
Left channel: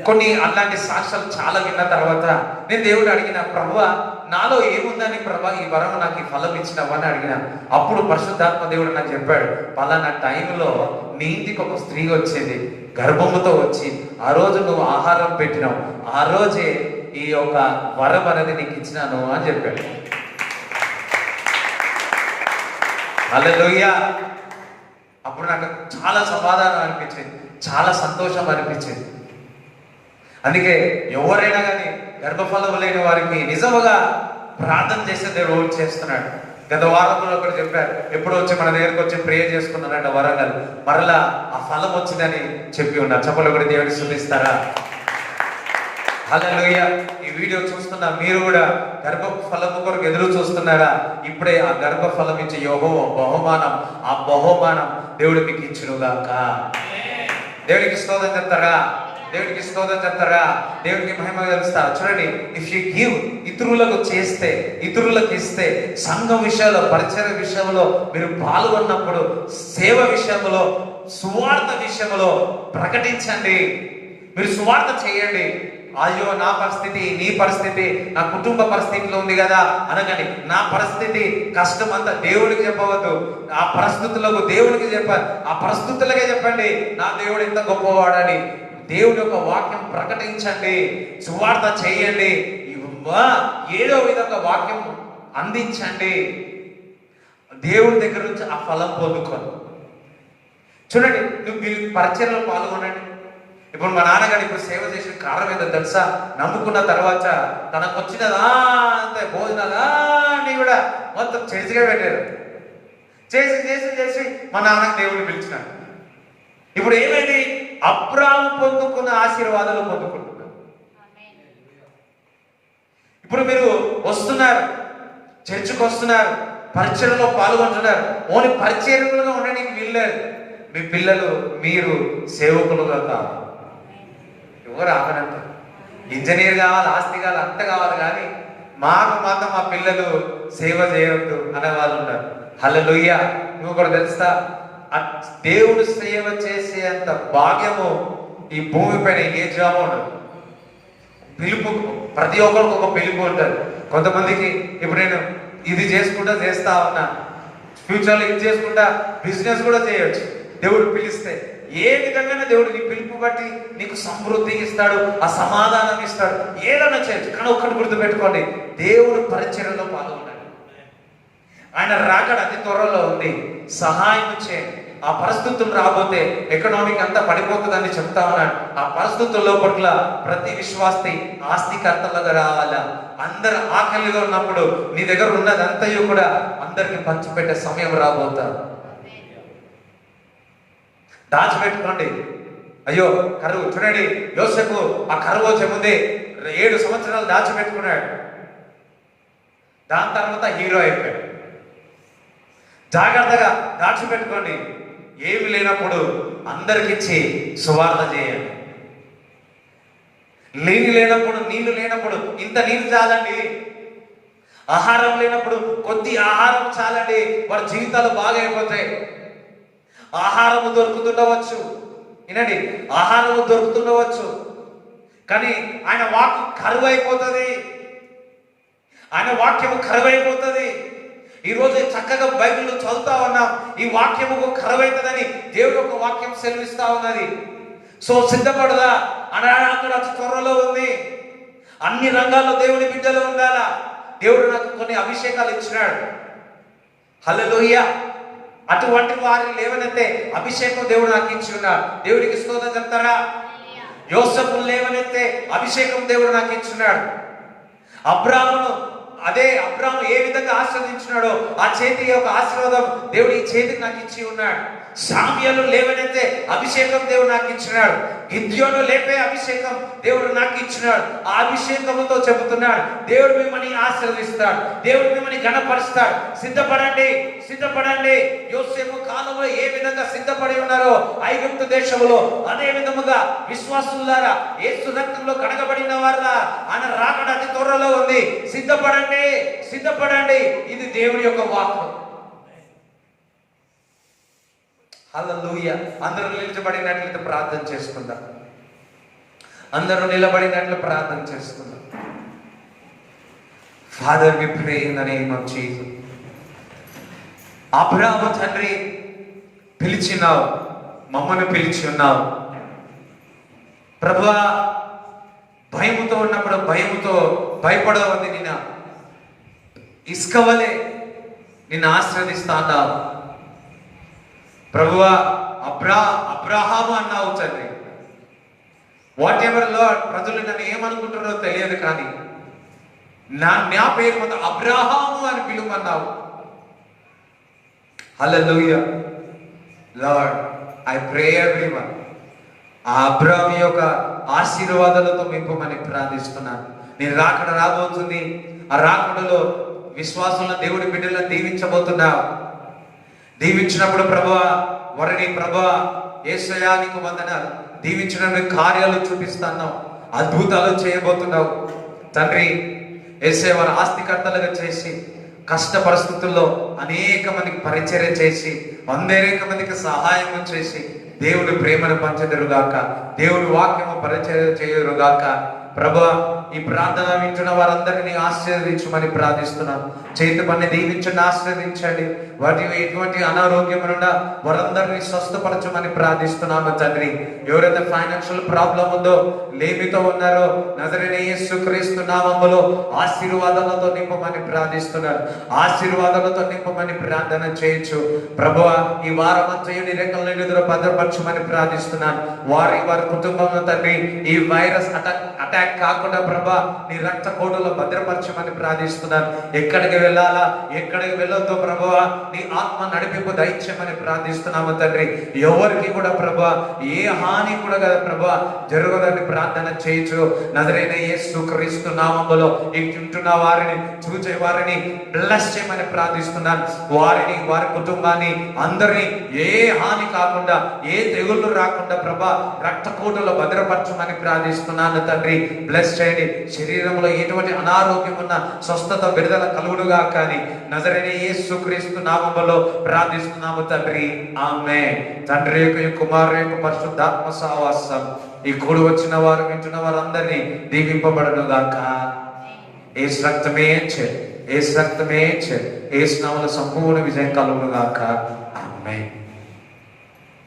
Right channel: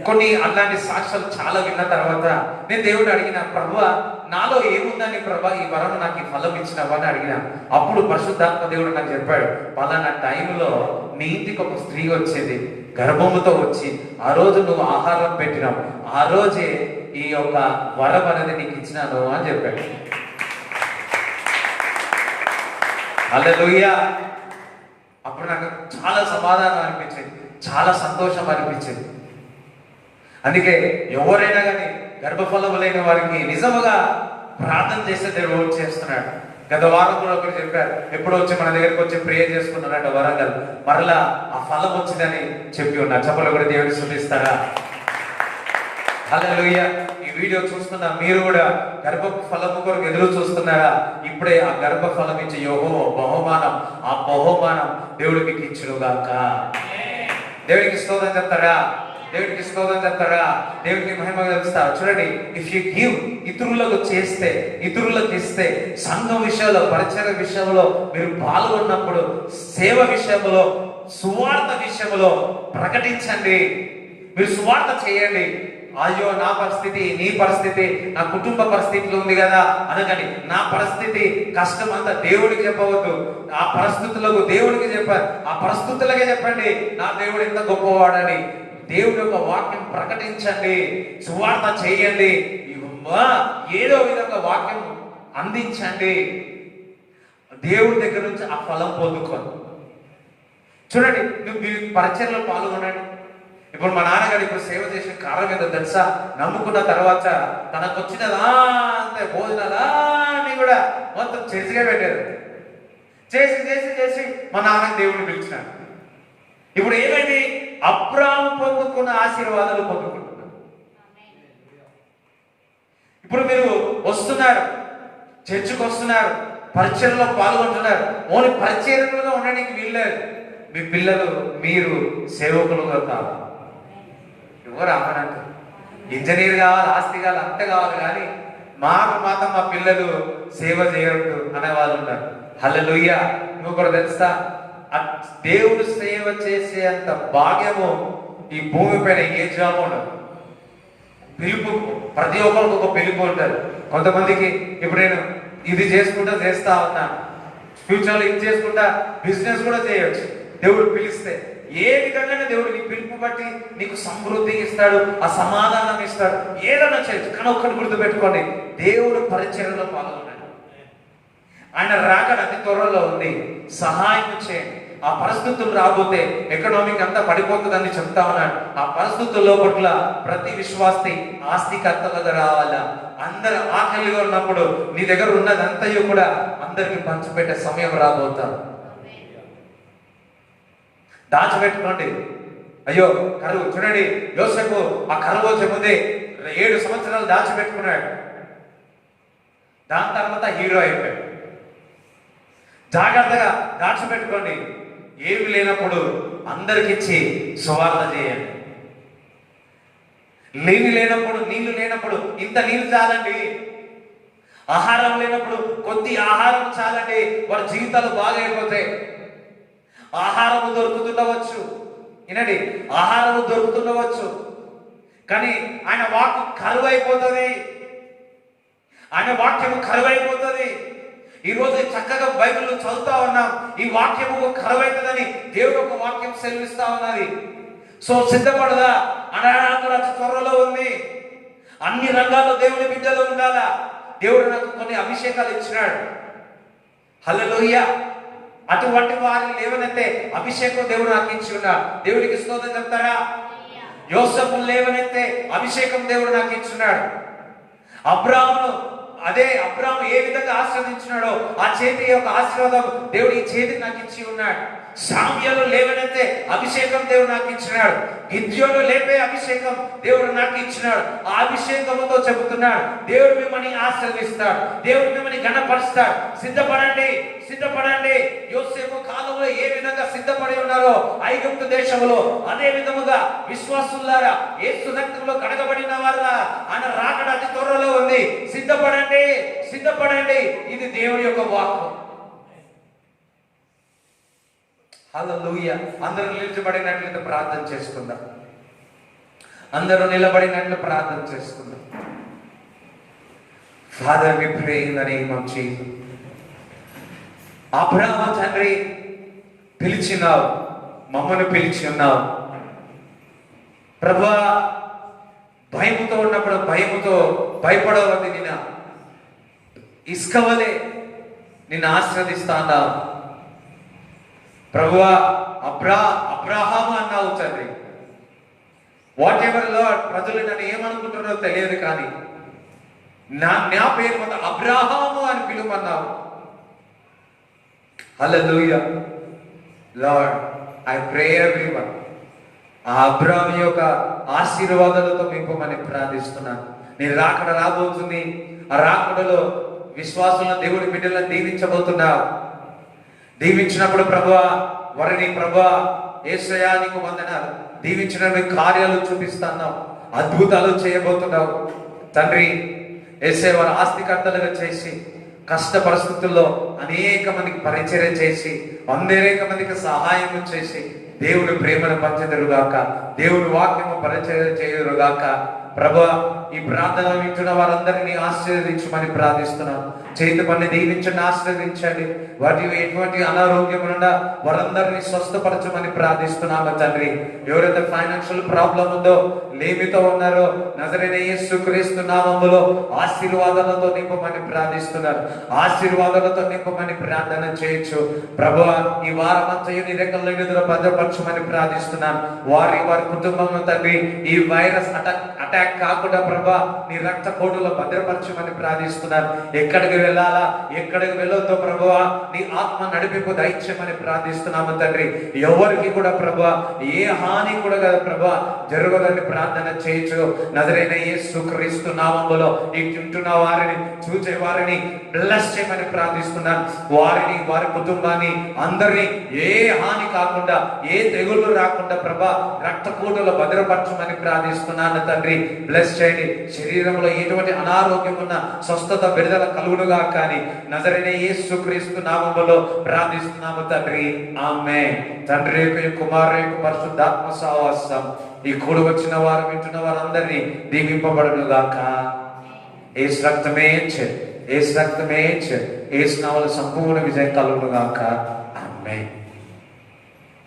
కొన్ని అలాంటి సాక్ష్యాలు చాలా విన్న తర్వాత నేను దేవుడు అడిగిన, ప్రభువా నాలో ఏముందని ప్రభా ఈ వరం నాకు ఈ ఫలం ఇచ్చినవా అని అడిగిన. అప్పుడు పరిశుద్ధాత్మ దేవుడు నాకు చెప్పాడు, పలానా టైంలో నీ ఇంటికి ఒక స్త్రీ వచ్చేది, గర్భముతో వచ్చి ఆ రోజు నువ్వు ఆహారం పెట్టినావు, ఆ రోజే ఈ యొక్క వరం అనేది నీకు ఇచ్చినాను అని చెప్పాడు. హల్లెలూయా. అప్పుడు నాకు చాలా సమాధానం అనిపించింది, చాలా సంతోషం అనిపించింది. అందుకే ఎవరైనా కానీ గర్భఫలం లేని వారికి నిజముగా ప్రార్థన చేస్తే దేవుడు చేస్తున్నాడు. గత వారంలో ఒకటి చెప్పారు, ఎప్పుడు వచ్చి మన దగ్గరికి వచ్చి ప్రేయర్ చేసుకున్నారంట వరంగల్, మరలా ఆ ఫలం వచ్చిందని చెప్పి ఉన్నారు. చెప్పలు కూడా దేవుడిని స్తుతిస్తారా? హల్లెలూయా. ఈ వీడియో చూస్తున్న మీరు కూడా గర్భఫలం కొరకు ఎదురు చూస్తున్నారా? ఇప్పుడే ఆ గర్భఫలం ఇచ్చే యెహోవా బహుమానం, ఆ బహుమానం దేవుడు మీకు ఇచ్చునుగాక. దేవుడికి స్తోత్రం చెప్తారా? దేవుడికి స్తోత్రం చెప్తారా? దేవుడికి మహిమ కలుస్తా. చూడండి, ఇఫ్ యు గివ్, ఇతరులకు చేస్తే, ఇతరులకు ఇస్తే, సంఘం విషయంలో, పరిచయ విషయంలో మీరు పాల్గొన్నప్పుడు, సేవ విషయంలో, సువార్త విషయంలో ప్రకటించండి. మీరు సువార్త చేయండి. అయ్యో నా పరిస్థితి, నీ పరిస్థితి, నా కుటుంబ పరిస్థితిలో ఉంది కదా అనకండి. నా పరిస్థితి కష్టం అంతా దేవుడికి చెప్పవద్దు, ఆ పరిస్థితులకు దేవుడికి చెప్పాలి. ఆ పరిస్థితులకే చెప్పండి నా దేవుడు ఎంత గొప్పవాడని. దేవుడి యొక్క వాక్యం ప్రకటించండి, సువార్త చేయండి, ఏదో విధంగా వాక్యం అందించండి. దేవుడి దగ్గర నుంచి ఆ ఫలం పొందుకోండి. చూడండి, నువ్వు మీ పరిచయంలో పాల్గొనండి. ఇప్పుడు మా నాన్నగారు ఇప్పుడు సేవ చేసిన కారణం ఏంటో తెలుసా? నమ్ముకున్న తర్వాత తనకు వచ్చినదా అంతే భోజనాలు కూడా మొత్తం చర్చిగా పెట్టారు. చేసి చేసి చేసి మా నాన్నకి దేవుడిని పిలిచినాడు. ఇప్పుడు ఏమైంది? అబ్రాహాము పొందుకున్న ఆశీర్వాదాలు పొందుకుంటున్నారు. ఇప్పుడు మీరు వస్తున్నారు, చర్చికి వస్తున్నారు, పరిచయంలో పాల్గొంటున్నారు. ఓన్లీ పరిచయంలో ఉండడానికి వీల్లేదు. మీ పిల్లలు మీరు సేవకులుగా కాదు. ఎవరు ఆపనంటే ఇంజనీర్ కావాలి, ఆస్తి కావాలి, అంత కావాలి, కానీ మాకు మాత్రం మా పిల్లలు సేవ చేయవద్దు అనే వాళ్ళు ఉంటారు. హల్లెలూయా. నువ్వు కూడా తెలుసా, దేవుడు సేవ చేసేంత భాగ్యము ఈ భూమి పైన ఏ జాబ్ ఉండదు. పిలుపు ప్రతి ఒక్కరికి ఒక పిలుపు ఉంటుంది. కొంతమందికి ఇప్పుడు నేను ఇది చేసుకుంటా చేస్తా ఉన్నా, ఫ్యూచర్లో ఇది చేసుకుంటా బిజినెస్ కూడా చేయొచ్చు. దేవుడు పిలిస్తే ఏ విధంగానే దేవుడు నీ పిలుపు బట్టి నీకు సమృద్ధి ఇస్తాడు, ఆ సమాధానం ఇస్తాడు, ఏదైనా చేయొచ్చు. కానీ ఒక్కటి గుర్తుపెట్టుకోండి, దేవుడు పరిచర్యలో పాల్గొన్నాడు. ఆయన రాకడ అతి త్వరలో ఉంది. సహాయం చేయండి. ఆ పరిస్థితులు రాబోతే ఎకనామిక్ అంతా పడిపోతుందని చెప్తా ఉన్నాడు. ఆ పరిస్థితుల్లో పట్ల ప్రతి విశ్వాసి ఆస్తికర్తలుగా రావాలా. అందరు ఆకలిగా ఉన్నప్పుడు నీ దగ్గర ఉన్నదంతయు కూడా అందరికి పంచిపెట్టే సమయం రాబోతారు. దాచిపెట్టుకోండి. అయ్యో కరువు, చూడండి యోసేపు ఆ కరువు వచ్చే ముందే 7 సంవత్సరాలు దాచిపెట్టుకున్నాడు. దాని తర్వాత హీరో అయిపోయాడు. జాగ్రత్తగా దాచిపెట్టుకోండి. ఏమి లేనప్పుడు అందరికిచ్చి సువార్త చేయండి. నీళ్ళు లేనప్పుడు, నీళ్లు లేనప్పుడు ఇంత నీళ్ళు చాలండి. ఆహారం లేనప్పుడు కొద్ది ఆహారం చాలండి. వారి జీవితాలు బాగైపోతాయి. ఆహారము దొరుకుతుండవచ్చు, వినండి, ఆహారము దొరుకుతుండవచ్చు, కానీ ఆయన వాక్యం కరువైపోతుంది. ఆయన వాక్యము కరువైపోతుంది. ఈరోజు చక్కగా బైబిల్లో చదువుతా ఉన్నాం, ఈ వాక్యము కరువైతుందని దేవుడు ఒక వాక్యం సెలవిస్తా ఉన్నది. సో సిద్ధపడదా అనాథ త్వరలో ఉంది. అన్ని రంగాల్లో దేవుని బిడ్డలో ఉండాలా. దేవుడు నాకు కొన్ని అభిషేకాలు ఇచ్చినాడు. హల్లెలూయా. అటువంటి వారిని లేవనెత్తే అభిషేకం దేవుడు నాకు ఇచ్చి ఉన్నాడు. దేవుడికి స్తోత్రం చెప్తారా? యోసేపును లేవనెత్తే అభిషేకం దేవుడు నాకు ఇచ్చున్నాడు. అబ్రాహాము ఏ విధంగా ఆశ్రదించినాడో ఆ చేతి యొక్క ఆశీర్వాదం దేవుడు ఈ చేతికి నాకు ఇచ్చి ఉన్నాడు. సామ్యలు లేవనైతే అభిషేకం దేవుడు నాకు ఇచ్చినాడు. గిద్యోను లేపే అభిషేకం దేవుడు నాకు ఇచ్చినాడు. ఆ అభిషేకంతో చెబుతున్నాడు, దేవుడు మిమ్మల్ని ఆశీర్వదిస్తాడు, దేవుడు మిమ్మల్ని ఘనపరుస్తాడు. సిద్ధపడండి, సిద్ధపడండి. యోసేపు కాలంలో ఏ విధంగా సిద్ధపడి ఉన్నారో ఐగుప్తు దేశంలో, అదే విధముగా విశ్వాసులారా యేసు రక్తంలో కడగబడిన వారు ఆయన రాకడ అతి త్వరలో ఉంది. సిద్ధపడండి, సిద్ధపడండి. ఇది దేవుడి యొక్క వాక్కు. హల్లెలూయా. అందరూ నిలబడినట్లయితే ప్రార్థన చేసుకుందాం. అందరూ నిలబడినట్లు ప్రార్థన చేసుకుందాం. Father, we pray in the name of Jesus. Abraham తండ్రి, పిలిచినావు, మమ్మల్ని పిలిచి ఉన్నావు ప్రభువా. భయముతో ఉన్నప్పుడు భయముతో భయపడవద్దు. నిన్న ఇసుకవలే నిన్ను ఆశ్రదిస్తాను ప్రభువా. అబ్రహాము అన్నావు తండ్రి. వాట్ ఎవర్ లార్డ్, ప్రజలు నన్ను ఏమనుకుంటున్నారో తెలియదు, కానీ నా పేరు మొత్తం అబ్రహాము అని పిలువమన్నావు. హల్లెలూయా. లార్డ్, ఐ ప్రే ఎవ్రీవన్, ఆ అబ్రహాము యొక్క ఆశీర్వాదాలతో నింపమని ప్రార్థిస్తున్నాను. నేను రాకడ రాబోతుంది. ఆ రాకడలో విశ్వాసంలో దేవుడి బిడ్డలను దీవించబోతున్నావు. దీవించినప్పుడు ప్రభువా, వారిని ప్రభువా యేసయ్యా నీకు వందనాలు. దీవించిన కార్యాలు చూపిస్తున్నావు, అద్భుతాలు చేయబోతున్నావు తండ్రి. యేసయ్య వారి ఆస్తికర్తలుగా చేసి, కష్ట పరిస్థితుల్లో అనేక మందికి పరిచర్య చేసి, అనేక మందికి సహాయం చేసి, దేవుడు ప్రేమను పంచెదరుగాక, దేవుడు వాక్యము పరిచర్య చేయురుగాక. ప్రభువా, ఈ ప్రార్థన వింటున్న వారందరినీ ఆశీర్వదించమని ప్రార్థిస్తున్నాను. చేతి పని దీవించండి, ఆశీర్వదించండి. వాటి ఎటువంటి అనారోగ్యం నుండి వారందరినీ స్వస్థపరచమని ప్రార్థిస్తున్నాము తండ్రి. ఎవరైతే ఫైనాన్షియల్ ప్రాబ్లం ఉందో, లేమితో ఉన్నారో, నజరేయుడైన యేసుక్రీస్తు నామములో ఆశీర్వాదాలతో నింపమని ప్రార్థిస్తున్నారు. ఆశీర్వాదాలతో నింపమని ప్రార్థన చేయొచ్చు. ప్రభువా, ఈ వారమంతయు నీ రెక్కల ఎదురు భద్రపరచమని ప్రార్థిస్తున్నాను. వారి కుటుంబంలో తండ్రి ఈ వైరస్ అటాక్ కాకుండా ప్రభా నీ రక్త కోటలో భద్రపరచమని ప్రార్థిస్తున్నాను. ఎక్కడికి వెళ్ళాలా, ఎక్కడికి వెళ్ళొద్దో ప్రభువా నీ ఆత్మ నడిపింపు దయచేయమని ప్రార్థిస్తున్నాము తండ్రి. ఎవరికి కూడా ప్రభా ఏ హాని కూడా కదా ప్రభా జరగదని ప్రార్థన చేయొచ్చు. నజరేయుడైన యేసుక్రీస్తు నామములో ఇంటున్న వారిని చూచే వారిని బ్లెస్ చేయమని ప్రార్థిస్తున్నాను. వారిని, వారి కుటుంబాన్ని, అందరినీ ఏ హాని కాకుండా, ఏ తెగుళ్ళు రాకుండా ప్రభా రక్త కోటలో భద్రపరచమని ప్రార్థిస్తున్నాను తండ్రి. బ్లెస్ చేయండి. శరీరంలో ఎటువంటి అనారోగ్యం ఉన్న స్వస్థత, విడుదల కలుగుడుగా కానీ నజరేయుడైన యేసుక్రీస్తు నామములో ప్రార్థిస్తున్నాము తండ్రి. ఆమేన్. తండ్రి యొక్క, కుమారుని యొక్క పరిశుద్ధాత్మ సహవాసం ఈ కూడి వచ్చిన వారు, వింటున్న వారందరినీ దీవింపబడును గాక. యేసు రక్తమే ఇచ్చే, యేసు రక్తమే ఇచ్చే, యేసు నామములో సంపూర్ణ విజయం కలుగును గాక. ఆమేన్.